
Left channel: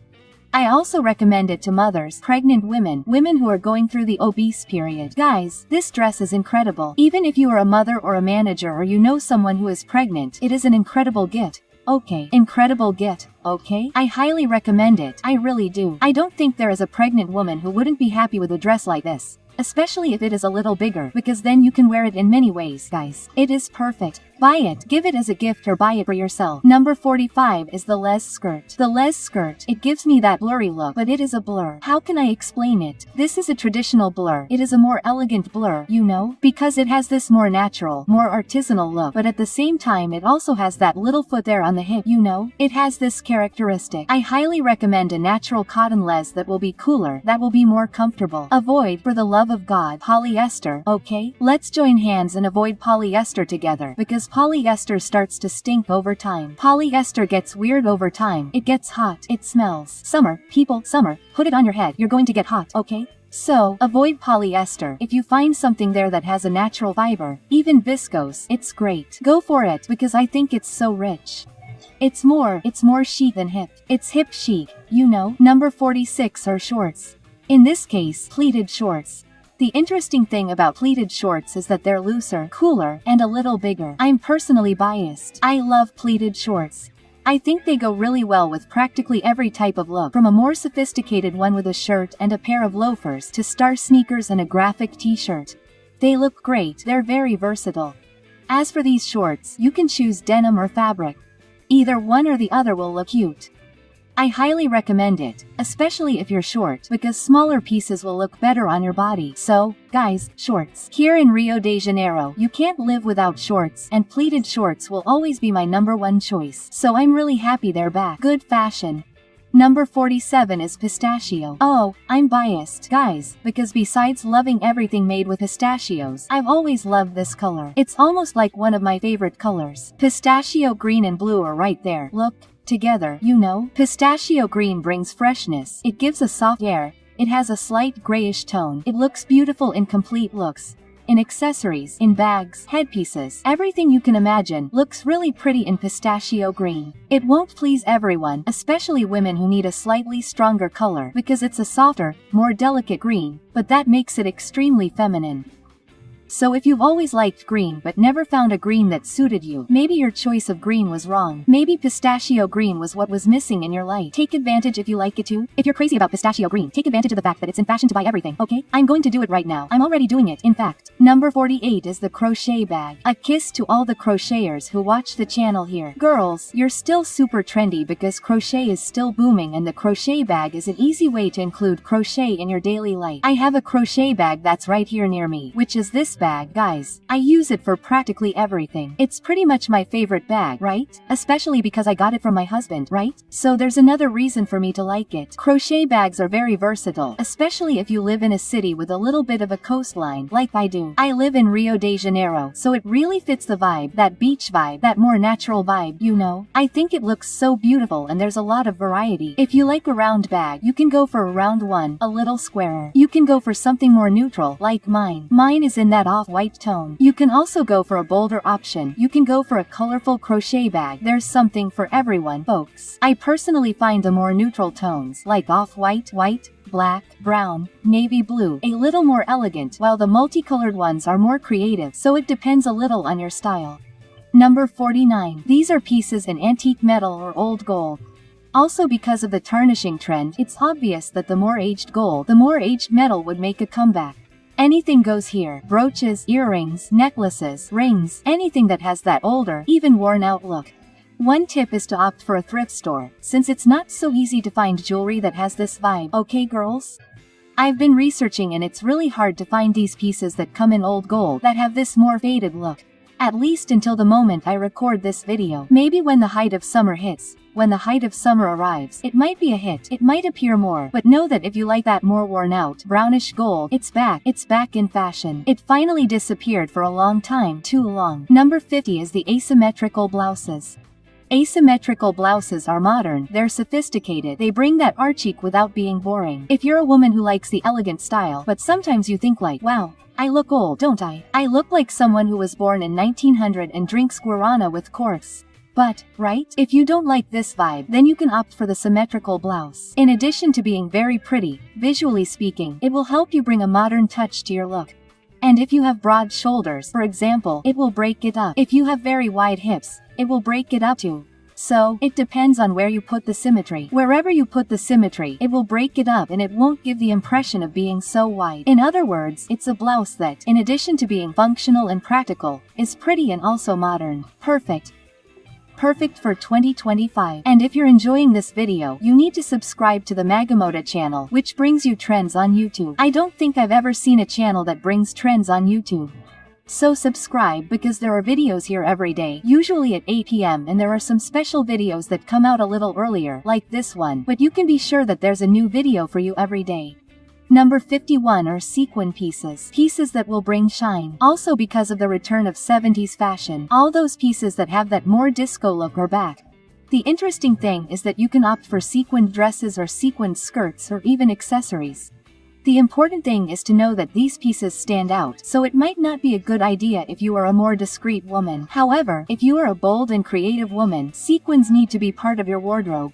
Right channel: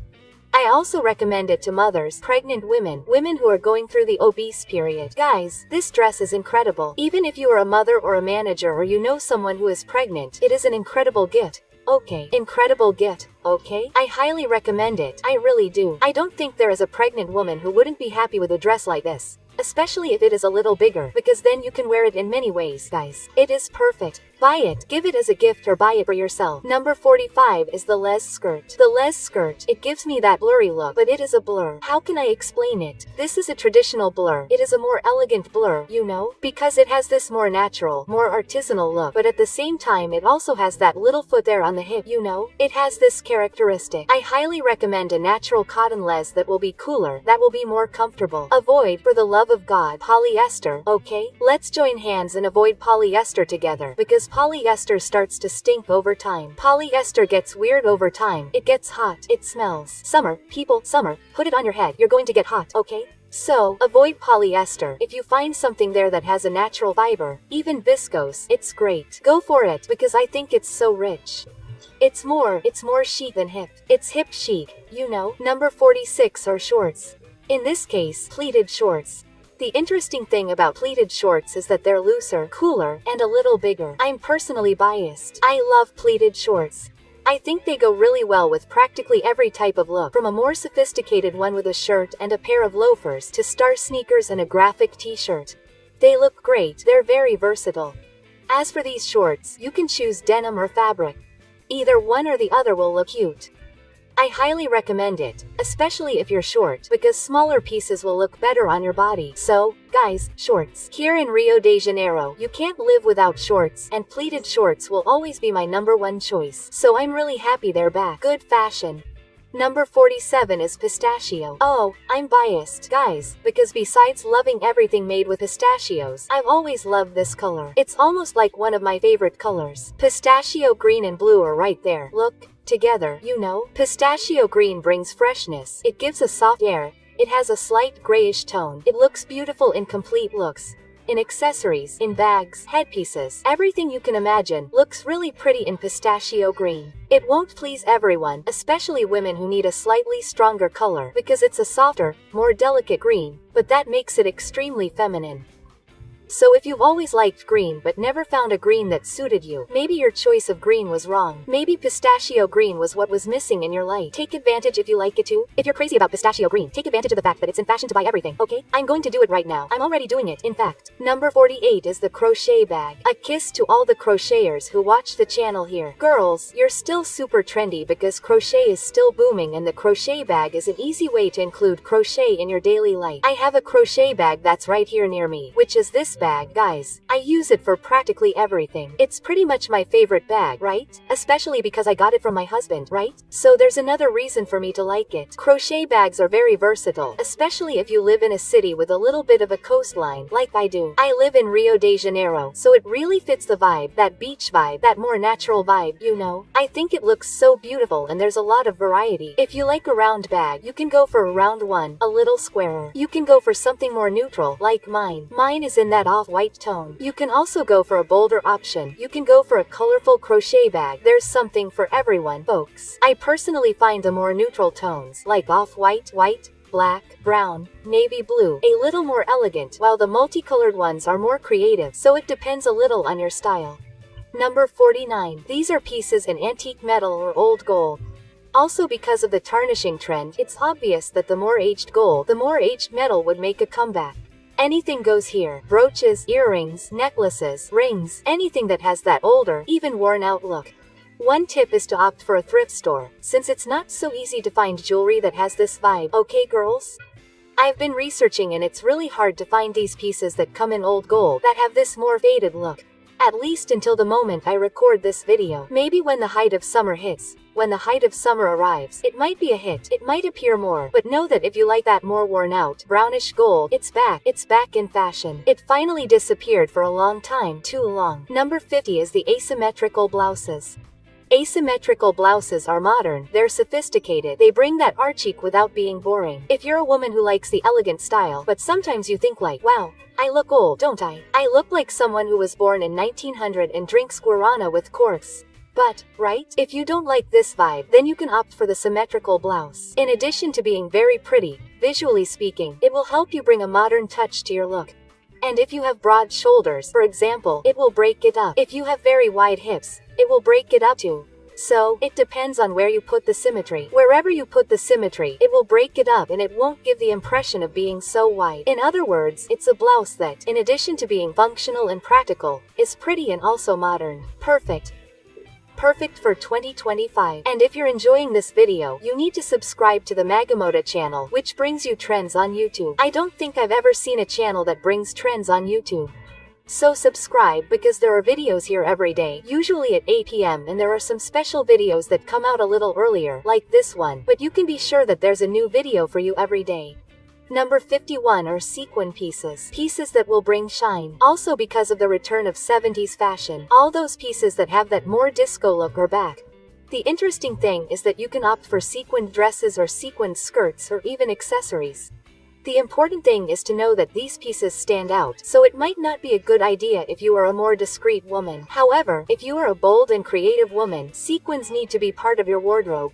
I also recommend it to mothers, pregnant women, women who are going through the obese period. Guys, this dress is incredible. Even if you are a mother or a manager or you know someone who is pregnant, it is an incredible gift. Okay, incredible gift, okay? I highly recommend it, I really do. I don't think there is a pregnant woman who wouldn't be happy with a dress like this. Especially if it is a little bigger, because then you can wear it in many ways, guys. It is perfect. Buy it, give it as a gift or buy it for yourself. Number 45 is the les skirt. The les skirt, it gives me that blurry look, but it is a blur. How can I explain it? This is a traditional blur. It is a more elegant blur, you know, because it has this more natural, more artisanal look, but at the same time it also has that little foot there on the hip, you know? It has this characteristic. I highly recommend a natural cotton les that will be cooler, that will be more comfortable. Avoid, for the love of God, polyester, okay? Let's join hands and avoid polyester together, because polyester starts to stink over time. Polyester gets weird over time. It gets hot. It smells. Summer, people, summer, put it on your head. You're going to get hot, okay? So, avoid polyester. If you find something there that has a natural fiber, even viscose, it's great. Go for it, because I think it's so rich. It's more chic than hip. It's hip chic, you know. Number 46 are shorts. In this case, pleated shorts. The interesting thing about pleated shorts is that they're looser, cooler, and a little bigger. I'm personally biased. I love pleated shorts. I think they go really well with practically every type of look, from a more sophisticated one with a shirt and a pair of loafers to star sneakers and a graphic t-shirt. They look great, they're very versatile. As for these shorts, you can choose denim or fabric. Either one or the other will look cute. I highly recommend it, especially if you're short, because smaller pieces will look better on your body. So, guys, shorts. Here in Rio de Janeiro, you can't live without shorts, and pleated shorts will always be my #1 choice. So I'm really happy they're back. Good fashion. Number 47 is pistachio. Oh, I'm biased, guys, because besides loving everything made with pistachios, I've always loved this color. It's almost like one of my favorite colors. Pistachio green and blue are right there. Look. Together, you know. Pistachio green brings freshness. It gives a soft air. It has a slight grayish tone. It looks beautiful in complete looks. In accessories, in bags, headpieces, everything you can imagine looks really pretty in pistachio green. It won't please everyone, especially women who need a slightly stronger color, because it's a softer, more delicate green, but that makes it extremely feminine. So if you've always liked green but never found a green that suited you, maybe your choice of green was wrong. Maybe pistachio green was what was missing in your life. Take advantage if you like it too. If you're crazy about pistachio green, take advantage of the fact that it's in fashion to buy everything, okay? I'm going to do it right now. I'm already doing it, in fact. Number 48 is the crochet bag. A kiss to all the crocheters who watch the channel here. Girls, you're still super trendy because crochet is still booming, and the crochet bag is an easy way to include crochet in your daily life. I have a crochet bag that's right here near me, which is this bag, guys. I use it for practically everything. It's pretty much my favorite bag, right? Especially because I got it from my husband, right? So there's another reason for me to like it. Crochet bags are very versatile, especially if you live in a city with a little bit of a coastline, like I do. I live in Rio de Janeiro, so it really fits the vibe, that beach vibe, that more natural vibe, you know? I think it looks so beautiful, and there's a lot of variety. If you like a round bag, you can go for a round one, a little squarer. You can go for something more neutral, like mine. Mine is in that off-white tone. You can also go for a bolder option. You can go for a colorful crochet bag. There's something for everyone, folks. I personally find the more neutral tones, like off-white, white, black, brown, navy blue, a little more elegant, while the multicolored ones are more creative, so it depends a little on your style. Number 49. These are pieces in antique metal or old gold. Also, because of the tarnishing trend, it's obvious that the more aged gold, the more aged metal would make a comeback. Anything goes here. Brooches, earrings, necklaces, rings, anything that has that older, even worn out look. One tip is to opt for a thrift store, since it's not so easy to find jewelry that has this vibe, okay girls? I've been researching, and it's really hard to find these pieces that come in old gold that have this more faded look. At least until the moment I record this video. Maybe when the height of summer hits, when the height of summer arrives, it might be a hit. It might appear more, but know that if you like that more worn out, brownish gold, it's back. It's back in fashion. It finally disappeared for a long time, too long. Number 50 is the asymmetrical blouses. Asymmetrical blouses are modern, they're sophisticated, they bring that art chic without being boring. If you're a woman who likes the elegant style, but sometimes you think like, wow, I look old, don't I? I look like someone who was born in 1900 and drinks guarana with corks. But, right? If you don't like this vibe, then you can opt for the symmetrical blouse. In addition to being very pretty, visually speaking, it will help you bring a modern touch to your look. And if you have broad shoulders, for example, it will break it up. If you have very wide hips, it will break it up too. So, it depends on where you put the symmetry. Wherever you put the symmetry, it will break it up and it won't give the impression of being so wide. In other words, it's a blouse that, in addition to being functional and practical, is pretty and also modern. Perfect. Perfect for 2025. And if you're enjoying this video, you need to subscribe to the Maga Moda channel, which brings you trends on YouTube. I don't think I've ever seen a channel that brings trends on YouTube. So subscribe because there are videos here every day, usually at 8 p.m. and there are some special videos that come out a little earlier, like this one, but you can be sure that there's a new video for you every day. Number 51 are sequin pieces. Pieces that will bring shine. Also because of the return of 70s fashion, all those pieces that have that more disco look are back. The interesting thing is that you can opt for sequined dresses or sequined skirts or even accessories. The important thing is to know that these pieces stand out, so it might not be a good idea if you are a more discreet woman. However, if you are a bold and creative woman, sequins need to be part of your wardrobe.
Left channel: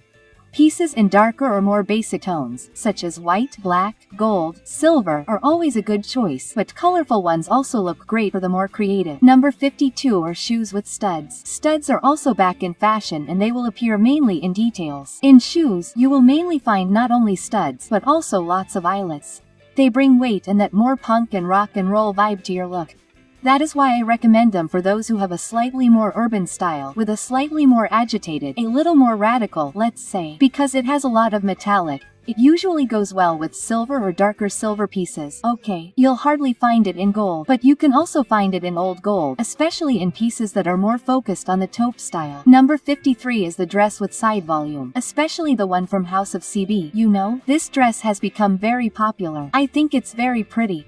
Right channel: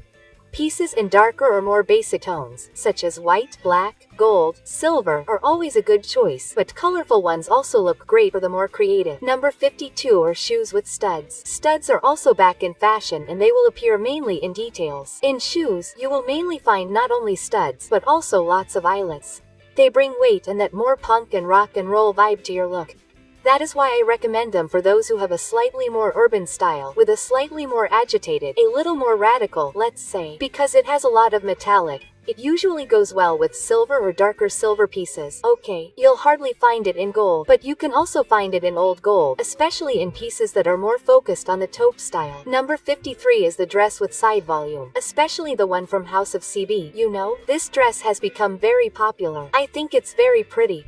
Pieces in darker or more basic tones, such as white, black, gold, silver, are always a good choice, but colorful ones also look great for the more creative. Number 52 are shoes with studs. Studs are also back in fashion and they will appear mainly in details. In shoes, you will mainly find not only studs, but also lots of eyelets. They bring weight and that more punk and rock and roll vibe to your look. That is why I recommend them for those who have a slightly more urban style, with a slightly more agitated, a little more radical, let's say. Because it has a lot of metallic, it usually goes well with silver or darker silver pieces. Okay, you'll hardly find it in gold, but you can also find it in old gold, especially in pieces that are more focused on the taupe style. Number 53 is the dress with side volume, especially the one from House of CB. You know, this dress has become very popular. I think it's very pretty.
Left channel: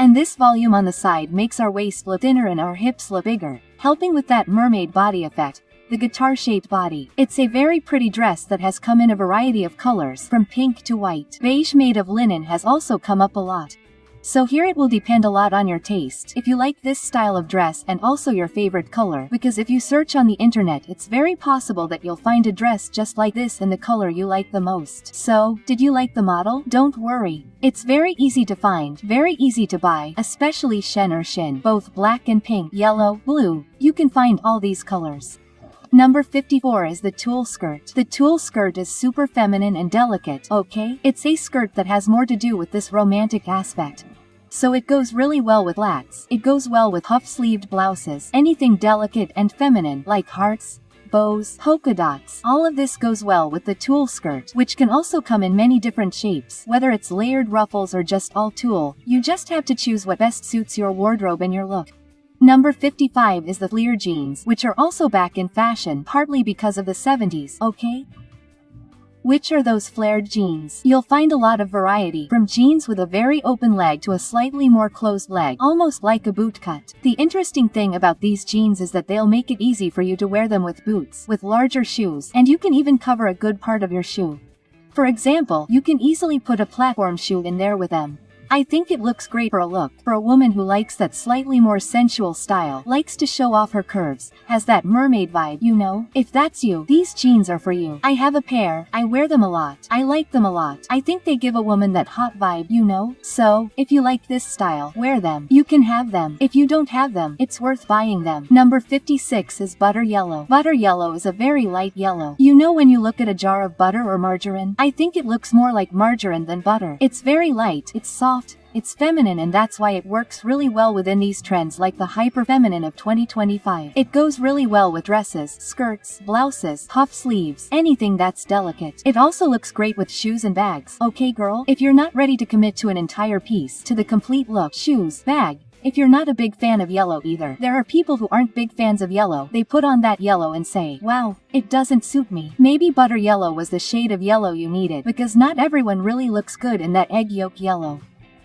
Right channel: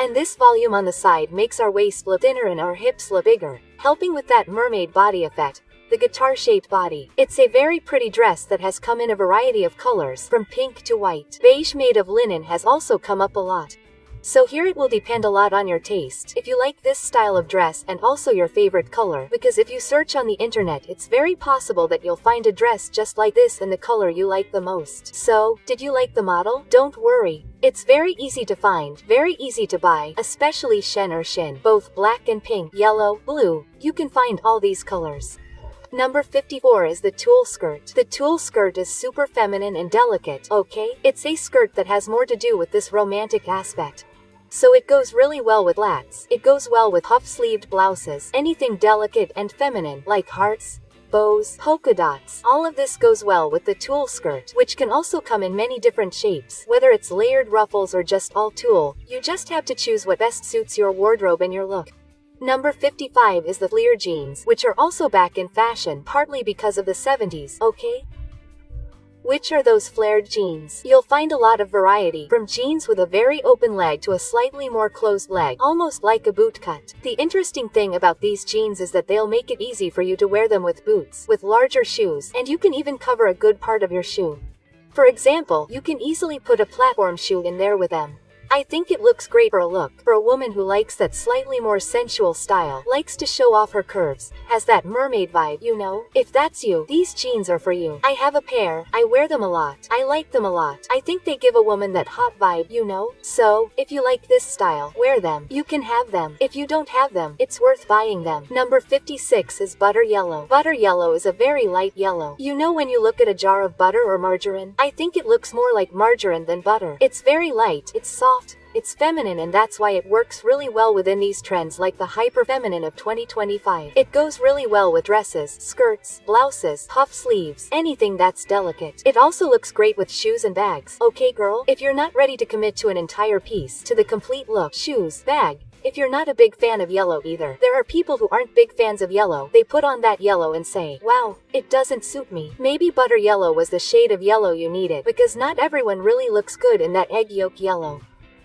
And this volume on the side makes our waist look thinner and our hips look bigger, helping with that mermaid body effect, the guitar-shaped body. It's a very pretty dress that has come in a variety of colors, from pink to white. Beige made of linen has also come up a lot. So here it will depend a lot on your taste, if you like this style of dress and also your favorite color, because if you search on the internet it's very possible that you'll find a dress just like this in the color you like the most. So, did you like the model? Don't worry. It's very easy to find, very easy to buy, especially Shen or Shin, both black and pink, yellow, blue, you can find all these colors. Number 54 is the tulle skirt. The tulle skirt is super feminine and delicate, okay? It's a skirt that has more to do with this romantic aspect. So it goes really well with flats. It goes well with puff-sleeved blouses, anything delicate and feminine, like hearts, bows, polka dots. All of this goes well with the tulle skirt, which can also come in many different shapes, whether it's layered ruffles or just all tulle. You just have to choose what best suits your wardrobe and your look. Number 55 is the flare jeans, which are also back in fashion, partly because of the 70s, okay? Which are those flared jeans? You'll find a lot of variety, from jeans with a very open leg to a slightly more closed leg, almost like a boot cut. The interesting thing about these jeans is that they'll make it easy for you to wear them with boots, with larger shoes, and you can even cover a good part of your shoe. For example, you can easily put a platform shoe in there with them. I think it looks great for a woman who likes that slightly more sensual style, likes to show off her curves, has that mermaid vibe, you know? If that's you, these jeans are for you. I have a pair, I wear them a lot, I like them a lot. I think they give a woman that hot vibe, you know? So, if you like this style, wear them. You can have them. If you don't have them, it's worth buying them. Number 56 is butter yellow. Butter yellow is a very light yellow. You know when you look at a jar of butter or margarine? I think it looks more like margarine than butter. It's very light, it's soft, it's feminine, and that's why it works really well within these trends like the hyper-feminine of 2025. It goes really well with dresses, skirts, blouses, puff sleeves, anything that's delicate. It also looks great with shoes and bags. Okay girl, if you're not ready to commit to an entire piece, to the complete look, shoes, bag, if you're not a big fan of yellow either, there are people who aren't big fans of yellow. They put on that yellow and say, wow, it doesn't suit me. Maybe butter yellow was the shade of yellow you needed, because not everyone really looks good in that egg yolk yellow.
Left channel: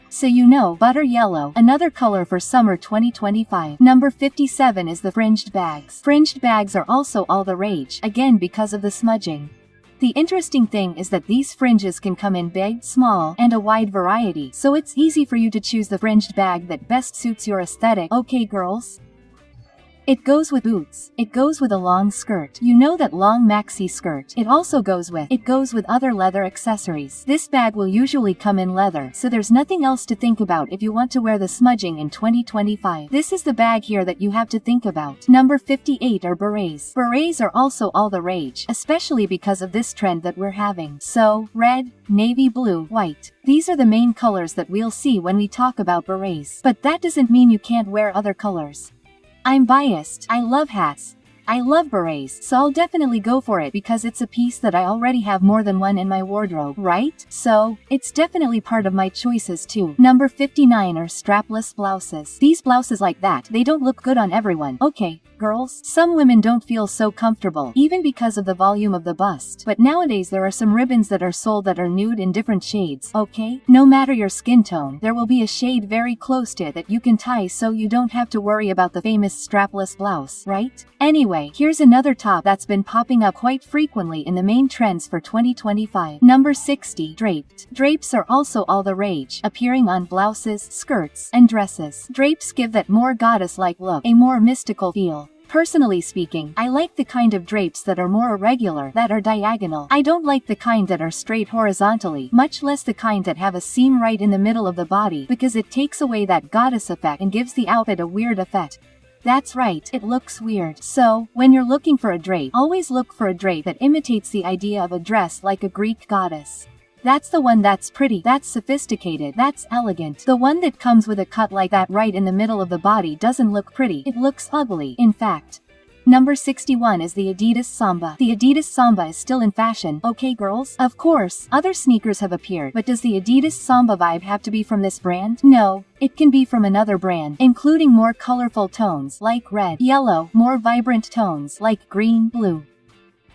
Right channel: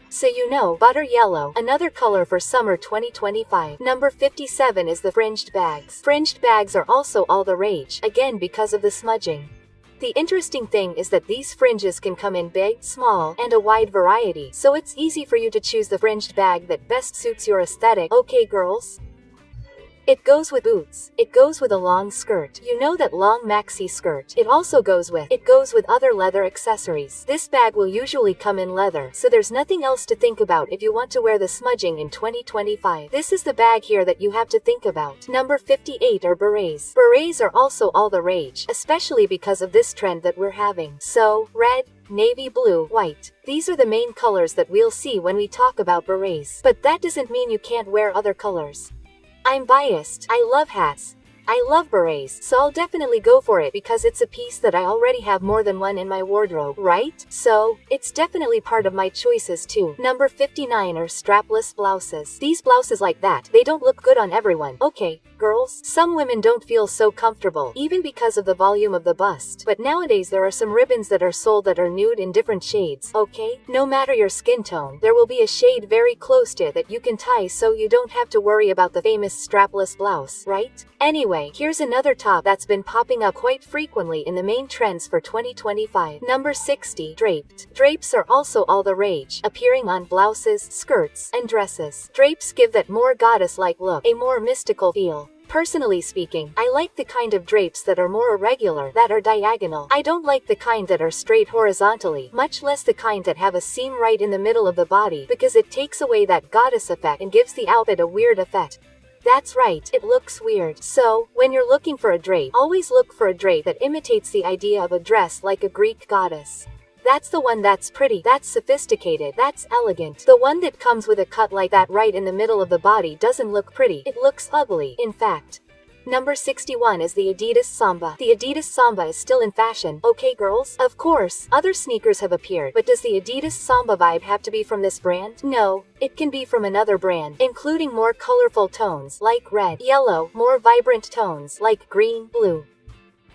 So you know, butter yellow, another color for summer 2025. Number 57 is the fringed bags. Fringed bags are also all the rage, again because of the smudging. The interesting thing is that these fringes can come in big, small, and a wide variety, so it's easy for you to choose the fringed bag that best suits your aesthetic. Okay girls? It goes with boots. It goes with a long skirt. You know that long maxi skirt. It also goes with other leather accessories. This bag will usually come in leather, so there's nothing else to think about if you want to wear the smudging in 2025. This is the bag here that you have to think about. Number 58 are berets. Berets are also all the rage, especially because of this trend that we're having. So, red, navy blue, white. These are the main colors that we'll see when we talk about berets. But that doesn't mean you can't wear other colors. I'm biased. I love hats. I love berets, so I'll definitely go for it because it's a piece that I already have more than one in my wardrobe, right? So, it's definitely part of my choices too. Number 59 are strapless blouses. These blouses like that, they don't look good on everyone. Okay, girls, some women don't feel so comfortable, even because of the volume of the bust. But nowadays there are some ribbons that are sold that are nude in different shades, okay? No matter your skin tone, there will be a shade very close to it that you can tie so you don't have to worry about the famous strapless blouse, right? Anyway, here's another top that's been popping up quite frequently in the main trends for 2025. Number 60, draped. Drapes are also all the rage, appearing on blouses, skirts, and dresses. Drapes give that more goddess-like look, a more mystical feel. Personally speaking, I like the kind of drapes that are more irregular, that are diagonal. I don't like the kind that are straight horizontally, much less the kind that have a seam right in the middle of the body, because it takes away that goddess effect and gives the outfit a weird effect. That's right, it looks weird. So, when you're looking for a drape, always look for a drape that imitates the idea of a dress like a Greek goddess. That's the one that's pretty, that's sophisticated, that's elegant. The one that comes with a cut like that right in the middle of the body doesn't look pretty, it looks ugly, in fact. Number 61 is the Adidas Samba. The Adidas Samba is still in fashion, okay girls? Of course, other sneakers have appeared, but does the Adidas Samba vibe have to be from this brand? No, it can be from another brand, including more colorful tones like red, yellow, more vibrant tones like green, blue.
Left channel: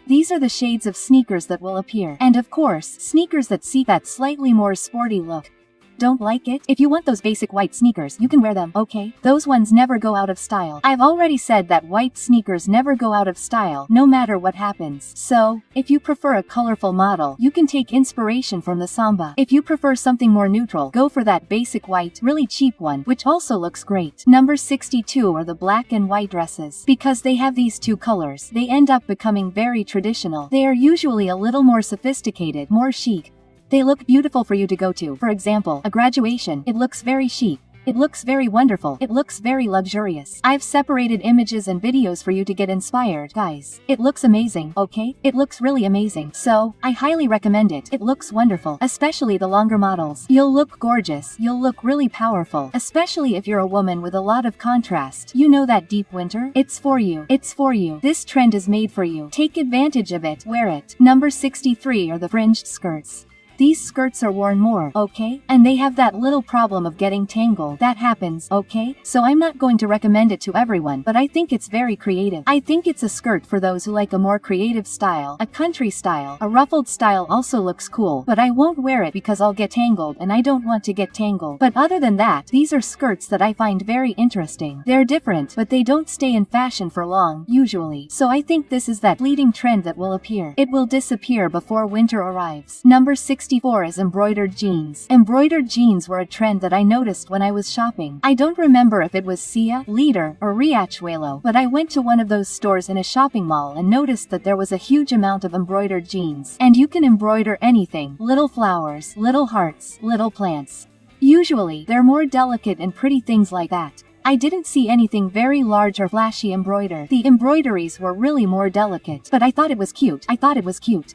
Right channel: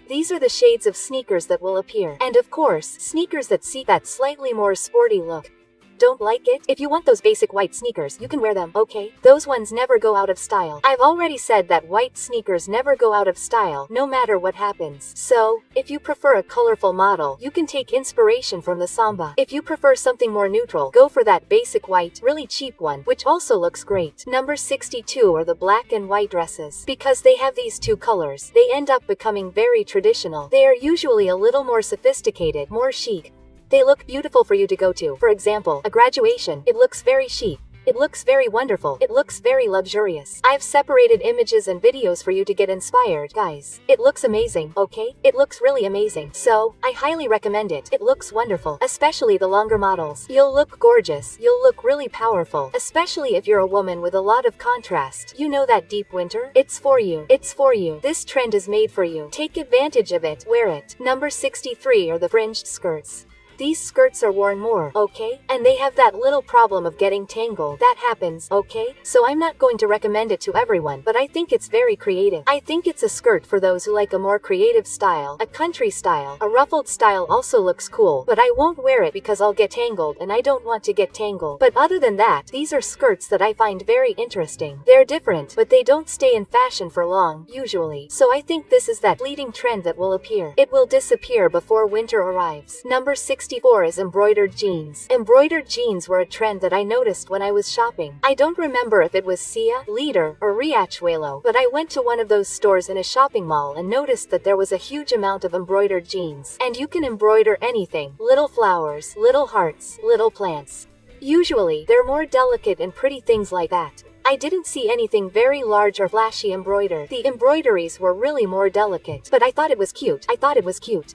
These are the shades of sneakers that will appear. And of course, sneakers that seek that slightly more sporty look. Don't like it? If you want those basic white sneakers, you can wear them, okay? Those ones never go out of style. I've already said that white sneakers never go out of style, no matter what happens. So, if you prefer a colorful model, you can take inspiration from the Samba. If you prefer something more neutral, go for that basic white, really cheap one, which also looks great. Number 62 are the black and white dresses. Because they have these two colors, they end up becoming very traditional. They are usually a little more sophisticated, more chic. They look beautiful for you to go to. For example, a graduation. It looks very chic. It looks very wonderful. It looks very luxurious. I've separated images and videos for you to get inspired, guys. It looks amazing, okay? It looks really amazing. So, I highly recommend it. It looks wonderful, especially the longer models. You'll look gorgeous. You'll look really powerful, especially if you're a woman with a lot of contrast. You know that deep winter? It's for you. It's for you. This trend is made for you. Take advantage of it. Wear it. Number 63 are the fringed skirts. These skirts are worn more, okay? And they have that little problem of getting tangled. That happens, okay? So I'm not going to recommend it to everyone, but I think it's very creative. I think it's a skirt for those who like a more creative style, a country style. A ruffled style also looks cool, but I won't wear it because I'll get tangled and I don't want to get tangled. But other than that, these are skirts that I find very interesting. They're different, but they don't stay in fashion for long, usually. So I think this is that fleeting trend that will appear. It will disappear before winter arrives. Number 64 is embroidered jeans. Embroidered jeans were a trend that I noticed when I was shopping. I don't remember if it was Sia, Leader, or Riachuelo, but I went to one of those stores in a shopping mall and noticed that there was a huge amount of embroidered jeans. And you can embroider anything. Little flowers, little hearts, little plants. Usually, they're more delicate and pretty things like that. I didn't see anything very large or flashy embroidered. The embroideries were really more delicate, but I thought it was cute.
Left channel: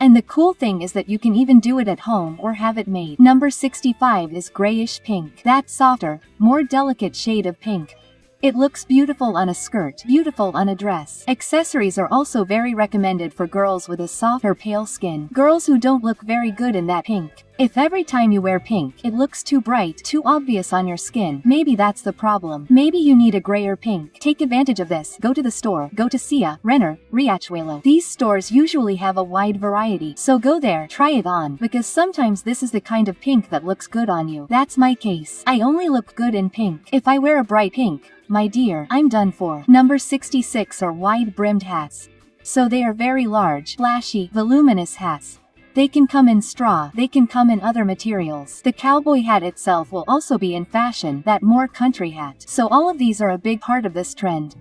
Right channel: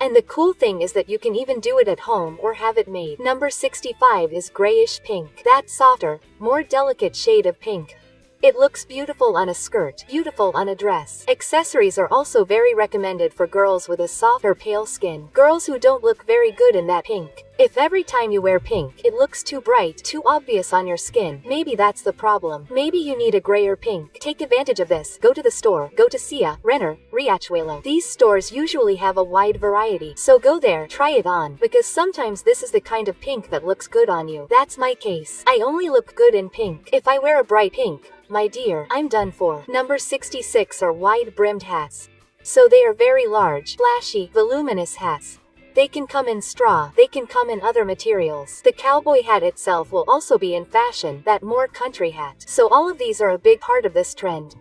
And the cool thing is that you can even do it at home or have it made. Number 65 is grayish pink. That softer, more delicate shade of pink. It looks beautiful on a skirt, beautiful on a dress. Accessories are also very recommended for girls with a soft or pale skin. Girls who don't look very good in that pink. If every time you wear pink, it looks too bright, too obvious on your skin, maybe that's the problem. Maybe you need a grayer pink. Take advantage of this. Go to the store. Go to Sia, Renner, Riachuelo. These stores usually have a wide variety, so go there, try it on, because sometimes this is the kind of pink that looks good on you. That's my case. I only look good in pink. If I wear a bright pink, my dear, I'm done for. Number 66 are wide-brimmed hats. So they are very large, flashy, voluminous hats. They can come in straw, they can come in other materials. The cowboy hat itself will also be in fashion, that more country hat. So all of these are a big part of this trend.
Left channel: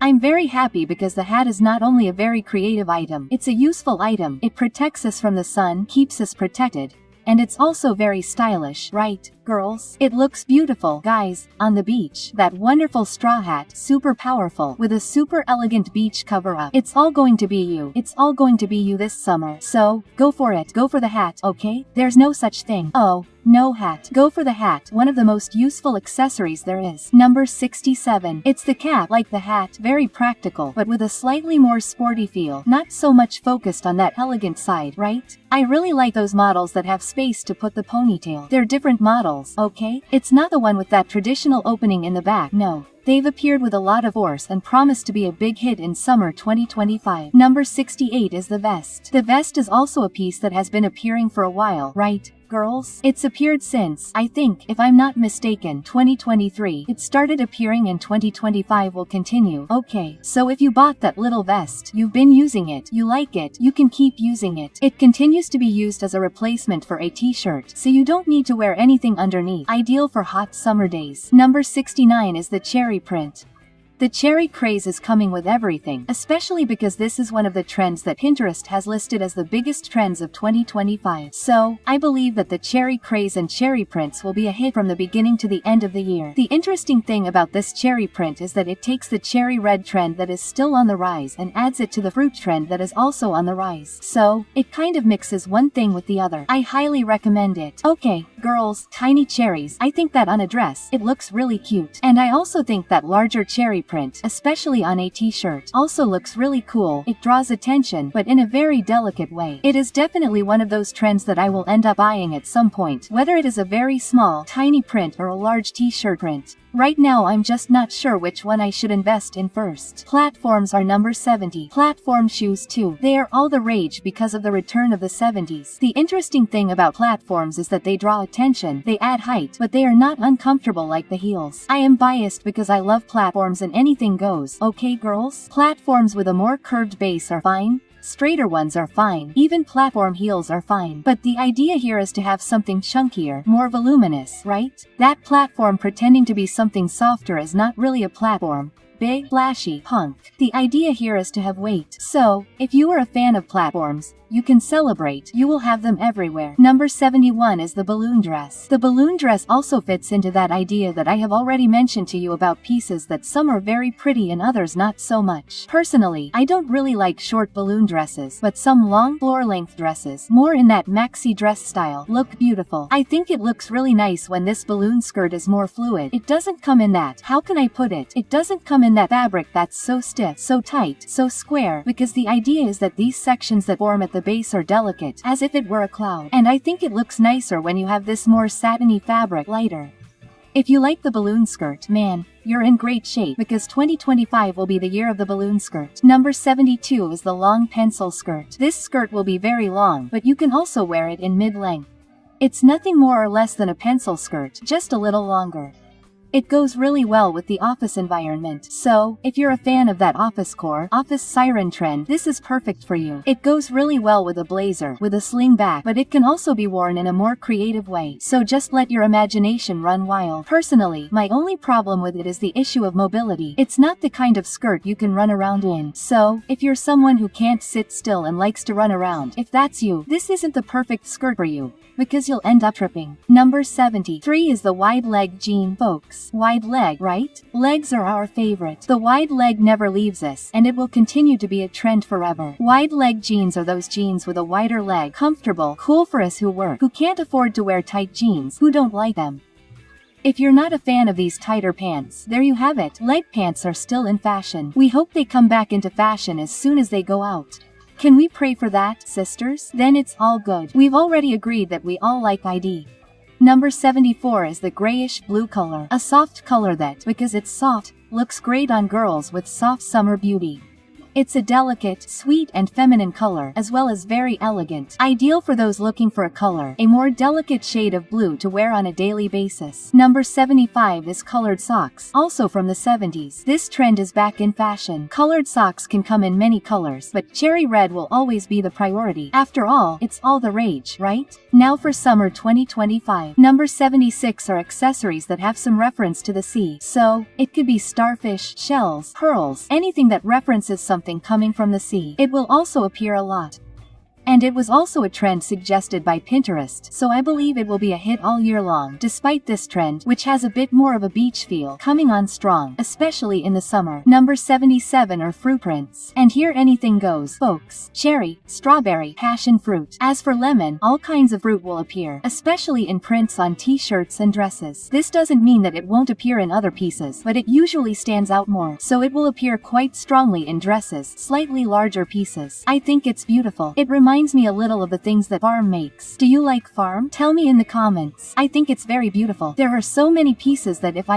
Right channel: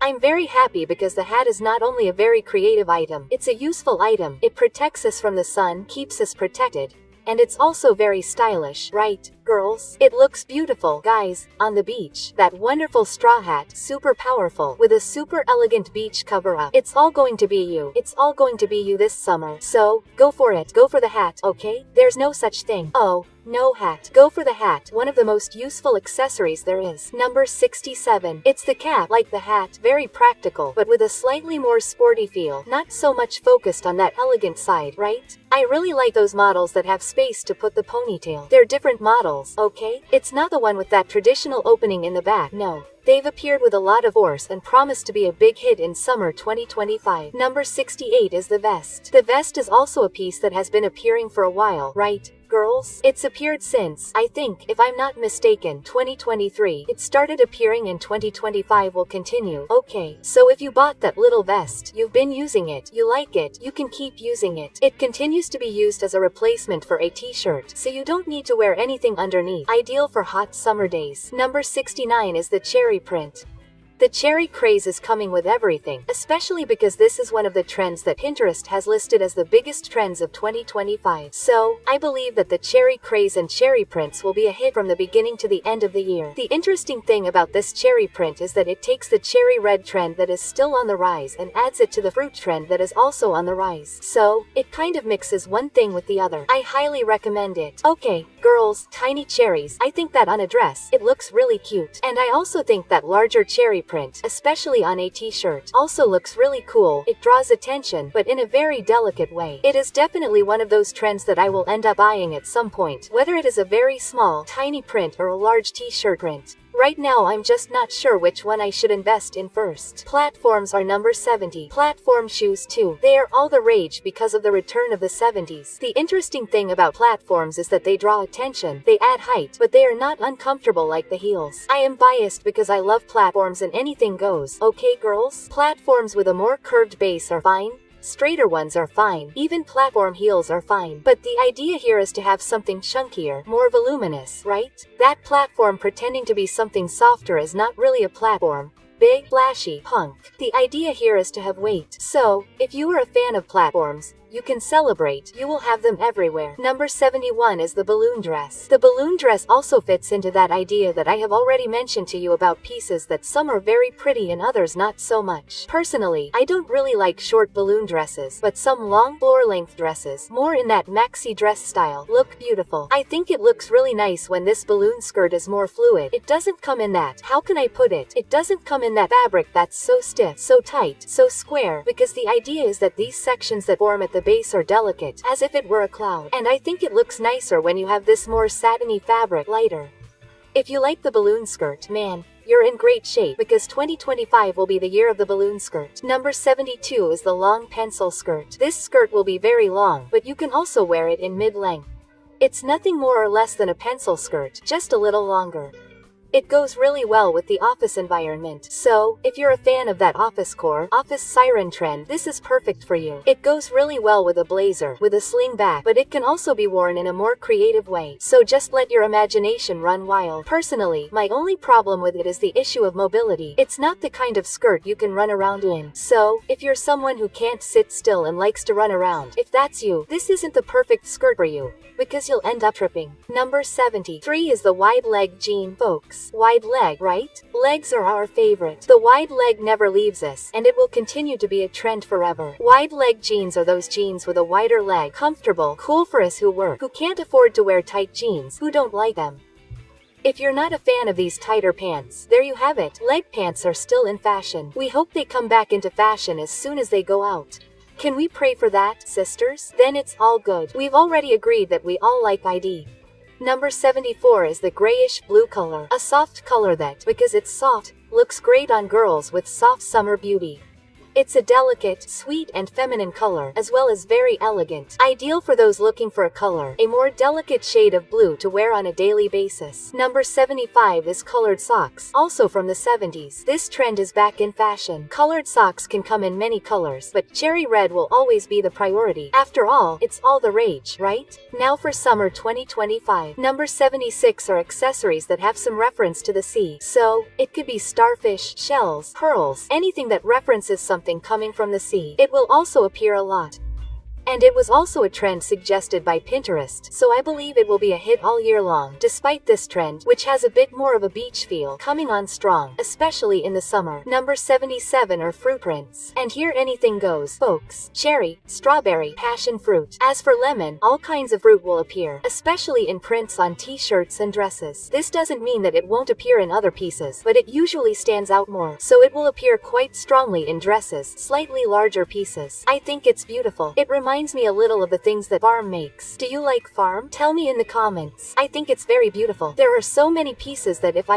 I'm very happy because the hat is not only a very creative item, it's a useful item. It protects us from the sun, keeps us protected. And it's also very stylish, right, girls? It looks beautiful, guys, on the beach. That wonderful straw hat, super powerful, with a super elegant beach cover-up. It's all going to be you. It's all going to be you this summer. So, go for it. Go for the hat, okay? There's no such thing. Oh, no hat. Go for the hat, one of the most useful accessories there is. Number 67. It's the cap, like the hat, very practical, but with a slightly more sporty feel. Not so much focused on that elegant side, right? I really like those models that have space to put the ponytail. They're different models, okay? It's not the one with that traditional opening in the back, no. They've appeared with a lot of force and promise to be a big hit in summer 2025. Number 68 is the vest. The vest is also a piece that has been appearing for a while, right, girls? It's appeared since, I think, if I'm not mistaken, 2023. It started appearing and 2025 will continue. Okay, so if you bought that little vest, you've been using it, you like it, you can keep using it. It continues to be used as a replacement for a t-shirt, so you don't need to wear anything underneath. Ideal for hot summer days. Number 69 is the cherry print. The cherry craze is coming with everything, especially because this is one of the trends that Pinterest has listed as the biggest trends of 2025. So, I believe that the cherry craze and cherry prints will be a hit from the beginning to the end of the year. The interesting thing about this cherry print is that it takes the cherry red trend that is still on the rise and adds it to the fruit trend that is also on the rise. So, it kind of mixes one thing with the other. I highly recommend it. Okay, girls, tiny cherries. I think that on a dress, it looks really cute. And I also think that larger cherry print, especially on a t-shirt, also looks really cool. It draws attention, but in a very delicate way. It is definitely one of those trends that I will end up buying at some point, whether it is a very small, tiny print or a large t-shirt print. Right now I'm just not sure which one I should invest in first. Platforms are number 70. Platform shoes too. They are all the rage because of the return of the 70s. The interesting thing about platforms is that they draw attention, they add height, but they are not uncomfortable like the heels. I am biased because I love platforms and anything goes. Okay girls? Platforms with a more curved base are fine. Straighter ones are fine. Even platform heels are fine. But the idea here is to have something chunkier, more voluminous, right? That platform pretending to be something softer is not really a platform. Big, flashy, punk. The idea here is to have weight. So, if you are a fan of platforms, you can celebrate. You will have them everywhere. Number 71 is the balloon dress. The balloon dress also fits into that idea that I have already mentioned to you about pieces that some are very pretty and others not so much. Personally, I don't really like short balloon dresses, but some long floor-length dresses, more in that maxi dress style, look beautiful. I think it looks really nice when this balloon skirt is more fluid. It doesn't come in that, how can I put it? It doesn't come in that fabric that's so stiff, so tight, so square, because the idea is that these sections that form at the base are delicate, as if it were a cloud. And I think it looks nicer when you have this more satiny fabric, lighter. If you like the balloon skirt, man, you're in great shape because 2025 will be the year of the balloon skirt. Number 72 is the long pencil skirt. This skirt will be very long, but you can also wear it in mid-length. It's nothing more or less than a pencil skirt, just a little longer. It goes really well with the office environment. So, if you're a fan of that office siren trend, this is perfect for you. It goes really well with a blazer, with a sling back, but it can also be worn in a more creative way. So just let your imagination run wild. Personally, my only problem with it is the issue of mobility. It's not the kind of skirt you can run around in. So, if you're someone who can't sit still and likes to run around, if that's you, this isn't the perfect skirt for you, because you'll end up tripping. Number 73 is the wide leg jean, folks. Wide leg, right? Legs are our favorite. The wide leg never leaves us, and it will continue to be a trend forever. Wide leg jeans are those jeans with a wider leg, comfortable, cool for us who work, who can't afford to wear tight jeans, who don't like them. If you're not a fan of these tighter pants, there you have it. Leg pants are still in fashion. We hope they come back into fashion as soon as they go out. Can we pray for that, sisters? Then it's all good. We've already agreed that we all like ID. Number 74 is the grayish blue color. A soft color that, because it's soft, looks great on girls with soft summer beauty. It's a delicate, sweet and feminine color, as well as very elegant. Ideal for those looking for a color, a more delicate shade of blue to wear on a daily basis. Number 75 is colored socks, also from the 70s. This trend is back in fashion. Colored socks can come in many colors, but cherry red will always be the priority. After all, it's all the rage, right? Now for summer 2025. Number 76 are accessories that have some reference to the sea. So, it could be starfish, shells, pearls, anything that references something coming from the sea. It will also appear a lot. And it was also a trend suggested by Pinterest, so I believe it will be a hit all year long. Despite this trend, which has a bit more of a beach feel, coming on strong, especially in the summer. Number 77 are fruit prints. And here anything goes, folks. Cherry, strawberry, passion fruit. As for lemon, all kinds of fruit will appear, especially in prints on t-shirts and dresses. This doesn't mean that it won't appear in other pieces, but it usually stands out more, so it will appear quite strongly in dresses, slightly larger pieces. I think it's beautiful. It reminds me a little of the things that Farm makes. Do you like Farm? Tell me in the comments. I think it's very beautiful. There are so many pieces that if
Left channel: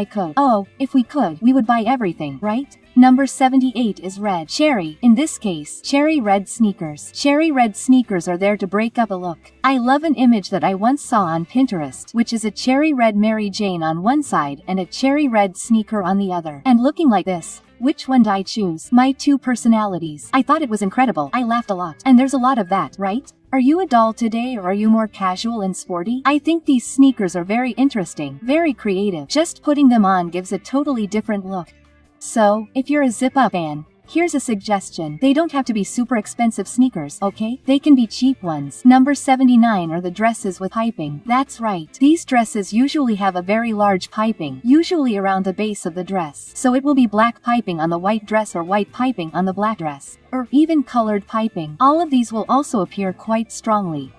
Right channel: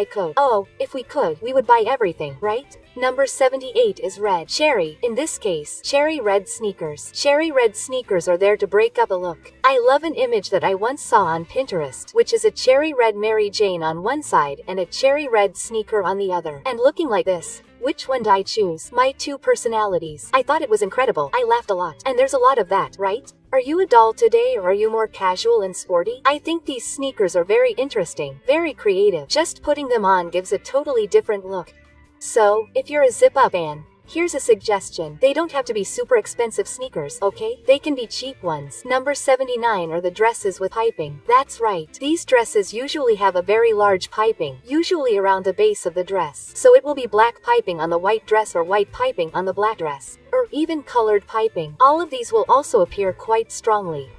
we could, we would buy everything, right? Number 78 is red. Cherry, in this case, cherry red sneakers. Cherry red sneakers are there to break up a look. I love an image that I once saw on Pinterest, which is a cherry red Mary Jane on one side and a cherry red sneaker on the other. And looking like this. Which one do I choose? My two personalities. I thought it was incredible. I laughed a lot. And there's a lot of that, right? Are you a doll today or are you more casual and sporty? I think these sneakers are very interesting, very creative. Just putting them on gives a totally different look. So, if you're a zip-up fan, here's a suggestion. They don't have to be super expensive sneakers, okay? They can be cheap ones. Number 79 are the dresses with piping. That's right. These dresses usually have a very large piping, usually around the base of the dress. So it will be black piping on the white dress or white piping on the black dress. Or even colored piping. All of these will also appear quite strongly.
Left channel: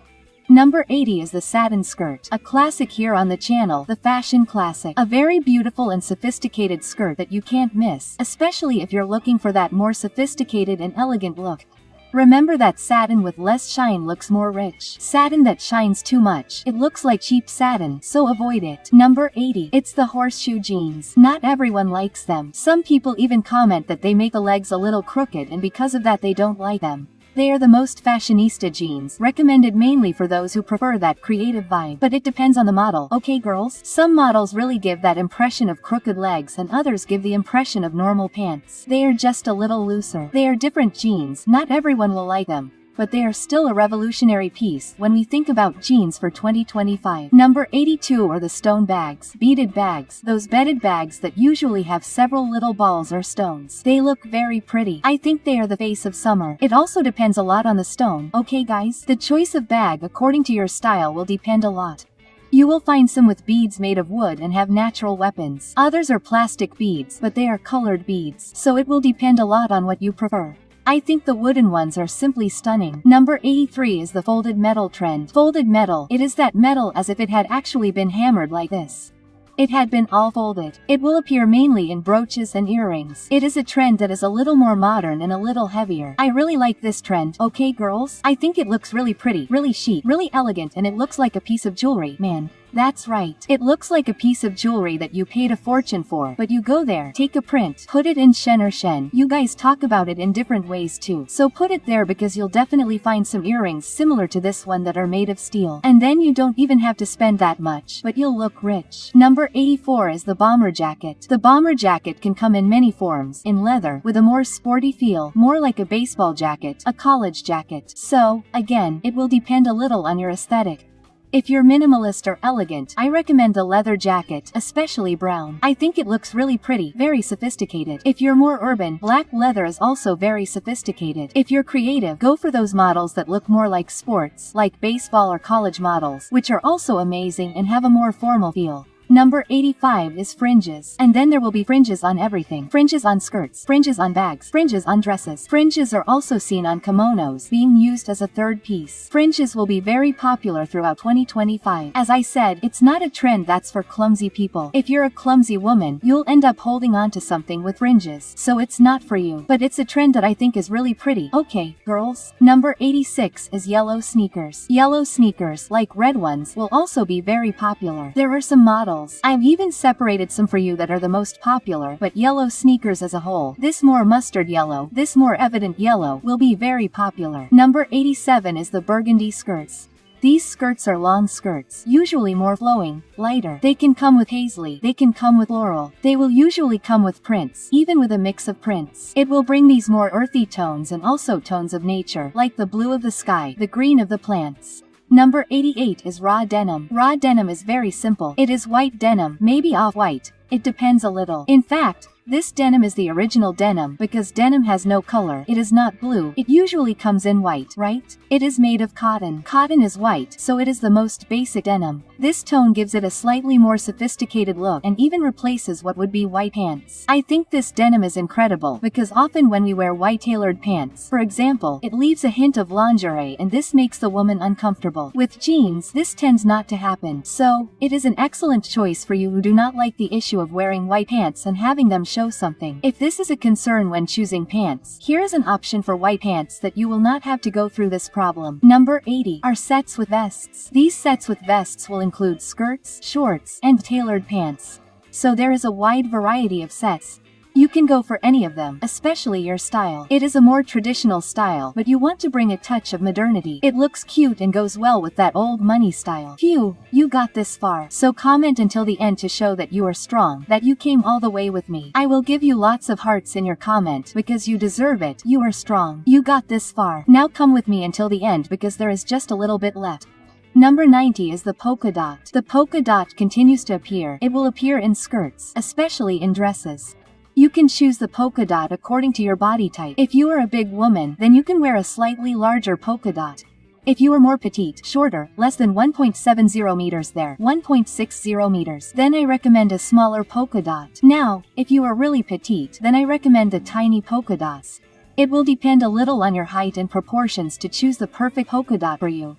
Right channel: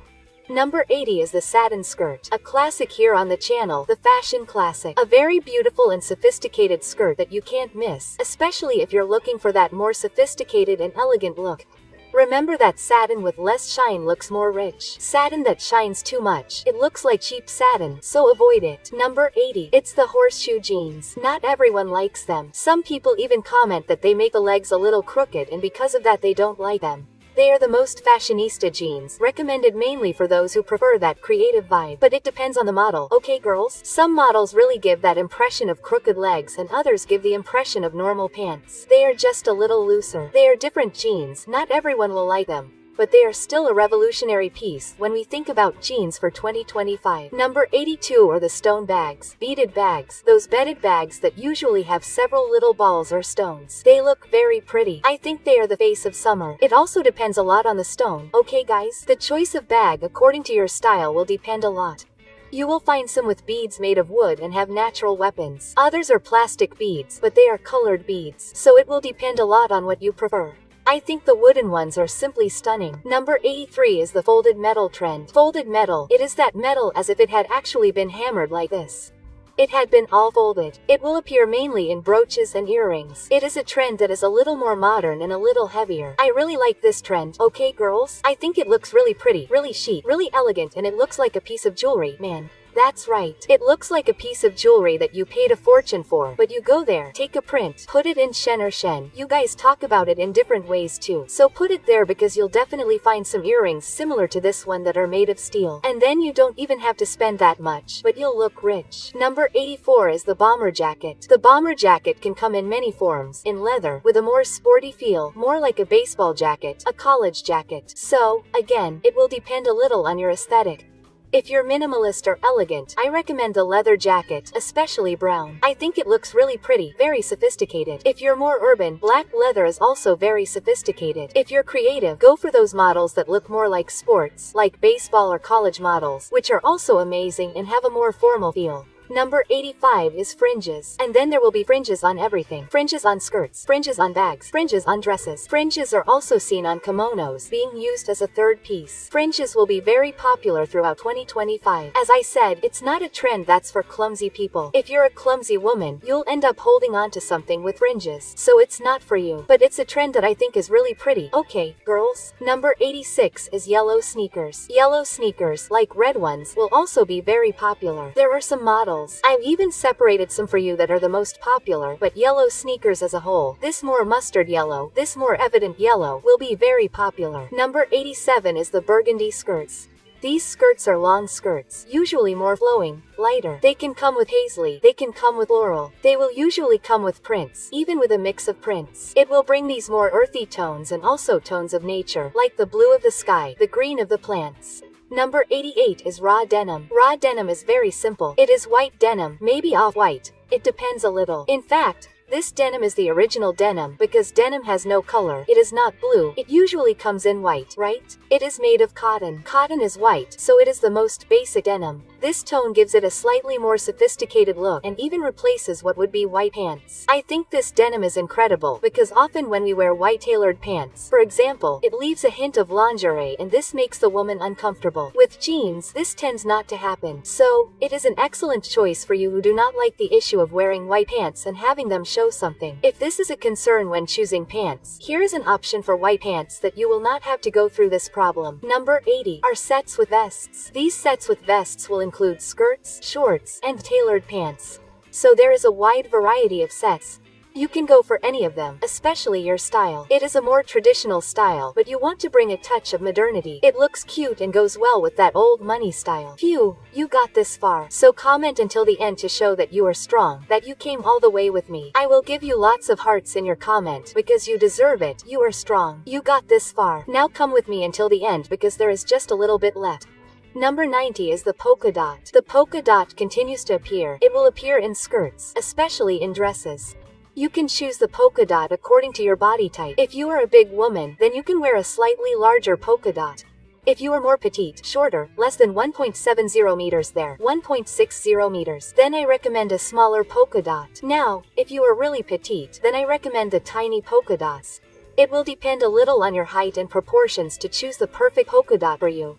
Number 80 is the satin skirt, a classic here on the channel, the fashion classic. A very beautiful and sophisticated skirt that you can't miss, especially if you're looking for that more sophisticated and elegant look. Remember that satin with less shine looks more rich. Satin that shines too much, it looks like cheap satin, so avoid it. Number 80. It's the horseshoe jeans. Not everyone likes them. Some people even comment that they make the legs a little crooked and because of that they don't like them. They are the most fashionista jeans, recommended mainly for those who prefer that creative vibe. But it depends on the model, okay girls? Some models really give that impression of crooked legs and others give the impression of normal pants. They are just a little looser. They are different jeans, not everyone will like them. But they are still a revolutionary piece when we think about jeans for 2025. Number 82 are the stone bags, beaded bags, those beaded bags that usually have several little balls or stones. They look very pretty. I think they are the face of summer. It also depends a lot on the stone, okay guys? The choice of bag according to your style will depend a lot. You will find some with beads made of wood and have natural weapons. Others are plastic beads, but they are colored beads. So it will depend a lot on what you prefer. I think the wooden ones are simply stunning. Number 83 is the folded metal trend. Folded metal, it is that metal as if it had actually been hammered like this. It had been all folded. It will appear mainly in brooches and earrings. It is a trend that is a little more modern and a little heavier. I really like this trend, okay girls? I think it looks really pretty, really chic, really elegant, and it looks like a piece of jewelry, man. That's right. It looks like a piece of jewelry that you paid a fortune for, but you go there, take a print, put it in Shen or Shen. You guys talk about it in different ways too. So put it there because you'll definitely find some earrings similar to this one that are made of steel. And then you don't even have to spend that much, but you'll look rich. Number 84 is the bomber jacket. The bomber jacket can come in many forms, in leather, with a more sporty feel, more like a baseball jacket, a college jacket. So, again, it will depend a little on your aesthetic. If you're minimalist or elegant, I recommend the leather jacket, especially brown. I think it looks really pretty, very sophisticated. If you're more urban, black leather is also very sophisticated. If you're creative, go for those models that look more like sports, like baseball or college models, which are also amazing and have a more formal feel. Number 85 is fringes. And then there will be fringes on everything. Fringes on skirts, fringes on bags, fringes on dresses. Fringes are also seen on kimonos, being used as a third piece. Fringes will be very popular throughout 2025. As I said, it's not a trend that's for clumsy people. If you're a clumsy woman, you'll end up holding on to something with fringes, so it's not for you. But it's a trend that I think is really pretty. Okay, girls. Number 86 is yellow sneakers. Yellow sneakers, like red ones, will also be very popular. There are some models girls. I've even separated some for you that are the most popular, but yellow sneakers as a whole, this more mustard yellow, this more evident yellow, will be very popular. Number 87 is the burgundy skirts. These skirts are long skirts, usually more flowing, lighter. They can come with paisley, they can come with floral. They will usually come with prints, even with a mix of prints. It will bring these more earthy tones and also tones of nature, like the blue of the sky, the green of the plants. Number 88 is raw denim. Raw denim is very simple. It is white denim, maybe off-white. It depends a little. In fact, this denim is the original denim because denim has no color. It is not blue. It usually comes in white, right? It is made of cotton. Cotton is white, so it is the most basic denim. This tone gives it a slightly more sophisticated look and even replaces what would be white pants. I think this denim is incredible because often when we wear white tailored pants, for example, it leaves a hint of lingerie and this makes the woman uncomfortable. With jeans, this tends not to happen. So, it is an excellent choice for you who do not like the issue of wearing white pants and having them show something. If this is a concern when choosing pants, here is an option for white pants that you will not have to go through this problem. Number 80 are sets with vests. These sets with vests will include skirts, shorts, and tailored pants. So there is a wide variety of sets. You can go for any of them, especially your style. It is a more traditional style, but you want to bring a touch of modernity. It looks cute and goes well with that old money style. Phew, you got this far. So comment until the end to show that you are strong, that you came all the way with me. I will give you lots of hearts in your comment because you deserve it. You are strong. You got this far. Now come with me until the end because there is just a little bit left. Number 90 is the polka dot. The polka dot continues to appear. It will appear in skirts, especially in dresses. You can choose the polka dot according to your body type. If you are a big woman, then you can wear a slightly larger polka dot. If you are more petite, shorter, less than 1.70 meters there, 1.60 meters, then I recommend a smaller polka dot. Now, if you are really petite, then I recommend the tiny polka dots. It will depend a little on your height and proportions to choose the perfect polka dot for you.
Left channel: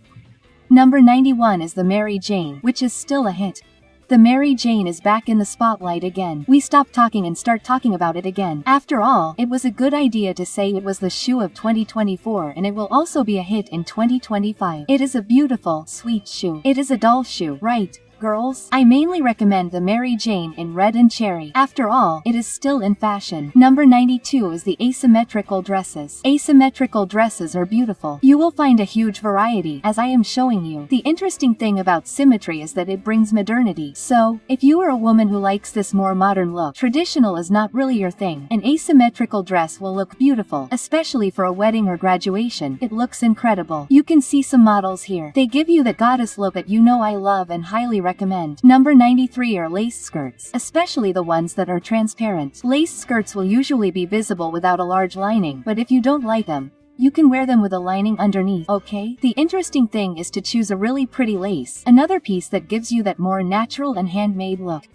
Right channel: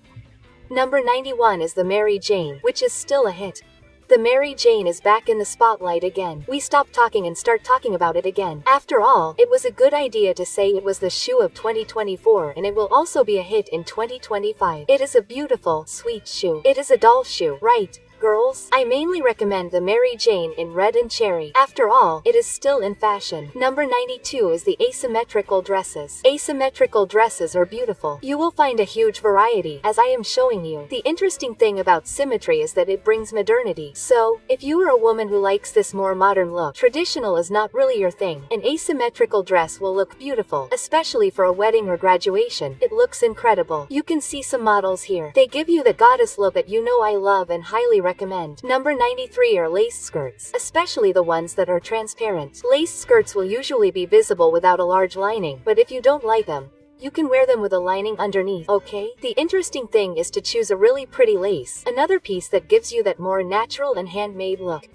Number 91 is the Mary Jane, which is still a hit. The Mary Jane is back in the spotlight again. We stop talking and start talking about it again. After all, it was a good idea to say it was the shoe of 2024 and it will also be a hit in 2025. It is a beautiful, sweet shoe. It is a doll shoe, right? Girls, I mainly recommend the Mary Jane in red and cherry. After all, it is still in fashion. Number 92 is the asymmetrical dresses. Asymmetrical dresses are beautiful. You will find a huge variety, as I am showing you. The interesting thing about symmetry is that it brings modernity. So, if you are a woman who likes this more modern look, traditional is not really your thing. An asymmetrical dress will look beautiful, especially for a wedding or graduation. It looks incredible. You can see some models here. They give you that goddess look that you know I love and highly recommend. Number 93 are lace skirts, especially the ones that are transparent. Lace skirts will usually be visible without a large lining, but if you don't like them, you can wear them with a lining underneath, okay? The interesting thing is to choose a really pretty lace, another piece that gives you that more natural and handmade look.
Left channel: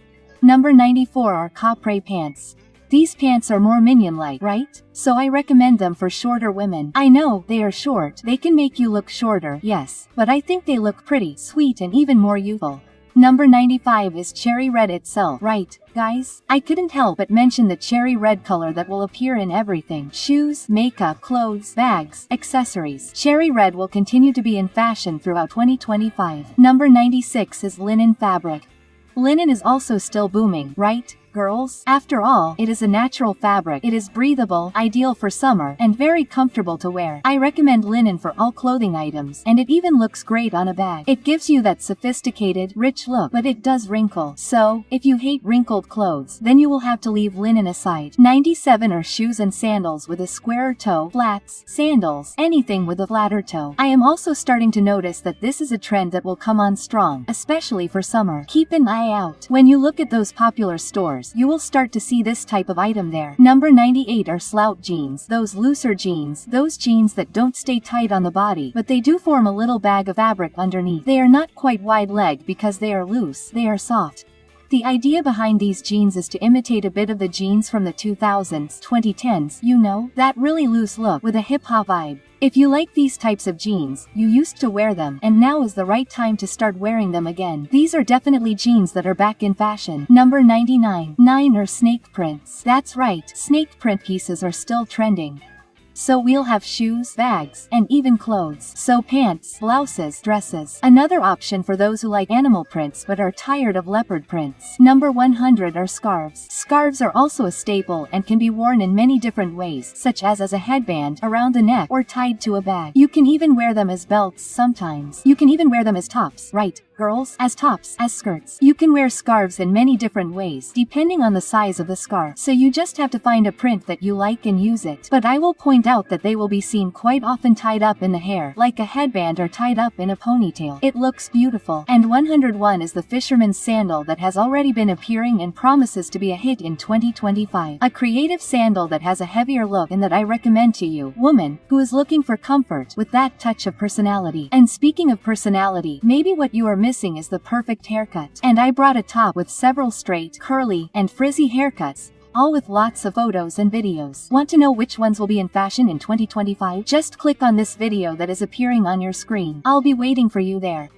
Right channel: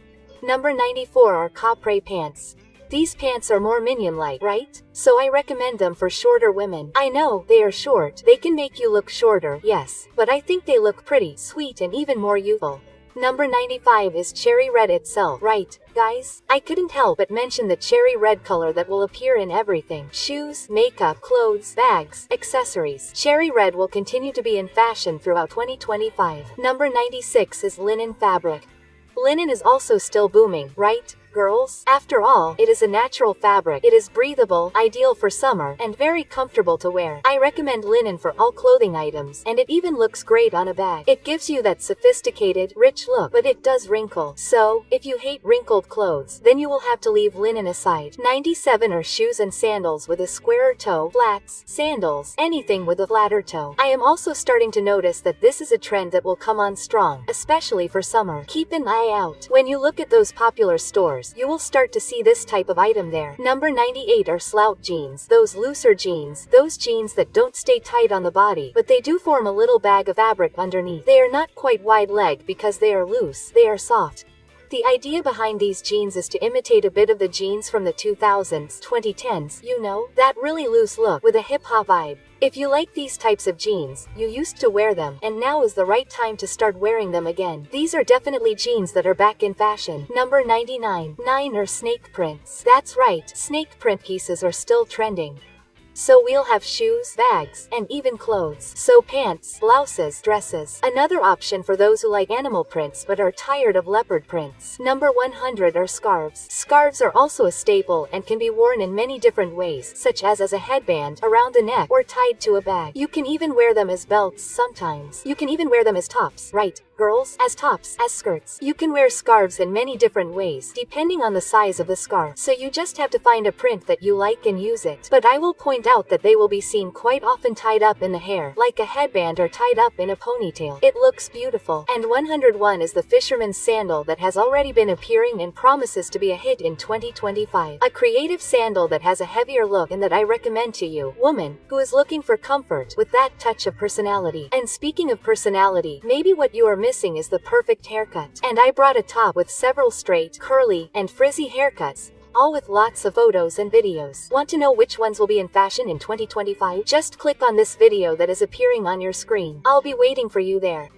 Number 94 are capre pants. These pants are more minion-like, right? So I recommend them for shorter women. I know, they are short, they can make you look shorter, yes, but I think they look pretty, sweet and even more youthful. Number 95 is cherry red itself, right, guys? I couldn't help but mention the cherry red color that will appear in everything. Shoes, makeup, clothes, bags, accessories. Cherry red will continue to be in fashion throughout 2025. Number 96 is linen fabric. Linen is also still booming, right, girls? After all, it is a natural fabric. It is breathable, ideal for summer, and very comfortable to wear. I recommend linen for all clothing items, and it even looks great on a bag. It gives you that sophisticated, rich look, but it does wrinkle. So, if you hate wrinkled clothes, then you will have to leave linen aside. 97 are shoes and sandals with a squarer toe, flats, sandals, anything with a flatter toe. I am also starting to notice that this is a trend that will come on strong, especially for summer. Keep an eye out. When you look at those popular stores, you will start to see this type of item there. Number 98 are slout jeans, those looser jeans, those jeans that don't stay tight on the body, but they do form a little bag of fabric underneath. They are not quite wide leg because they are loose, they are soft. The idea behind these jeans is to imitate a bit of the jeans from the 2000s, 2010s, you know, that really loose look with a hip-hop vibe. If you like these types of jeans, you used to wear them, and now is the right time to start wearing them again. These are definitely jeans that are back in fashion. Number 99. 9 are snake prints. That's right, snake print pieces are still trending. So we'll have shoes, bags, and even clothes. So pants, blouses, dresses. Another option for those who like animal prints but are tired of leopard prints. Number 100 are scarves. Scarves are also a staple and can be worn in many different ways, such as a headband, around the neck, or tied to a bag. You can even wear them as belts sometimes. You can even wear them as tops, right, girls? As tops, as skirts. You can wear scarves in many different ways, depending on the size of the scarf. So you just have to find a print that you like and use it. But I will point out that they will be seen quite often tied up in the hair, like a headband, or tied up in a ponytail. It looks beautiful. And 101 is the fisherman's sandal that has already been appearing and promises to be a hit in 2025. A creative sandal that has a heavier look and that I recommend to you, woman, who is looking for comfort with that touch of personality. And speaking of personality, maybe what you are missing is the perfect haircut. And I brought a top with several straight, curly, and frizzy haircuts, all with lots of photos and videos. Want to know which ones will be in fashion in 2025? Just click on this video that is appearing on your screen. I'll be waiting for you there.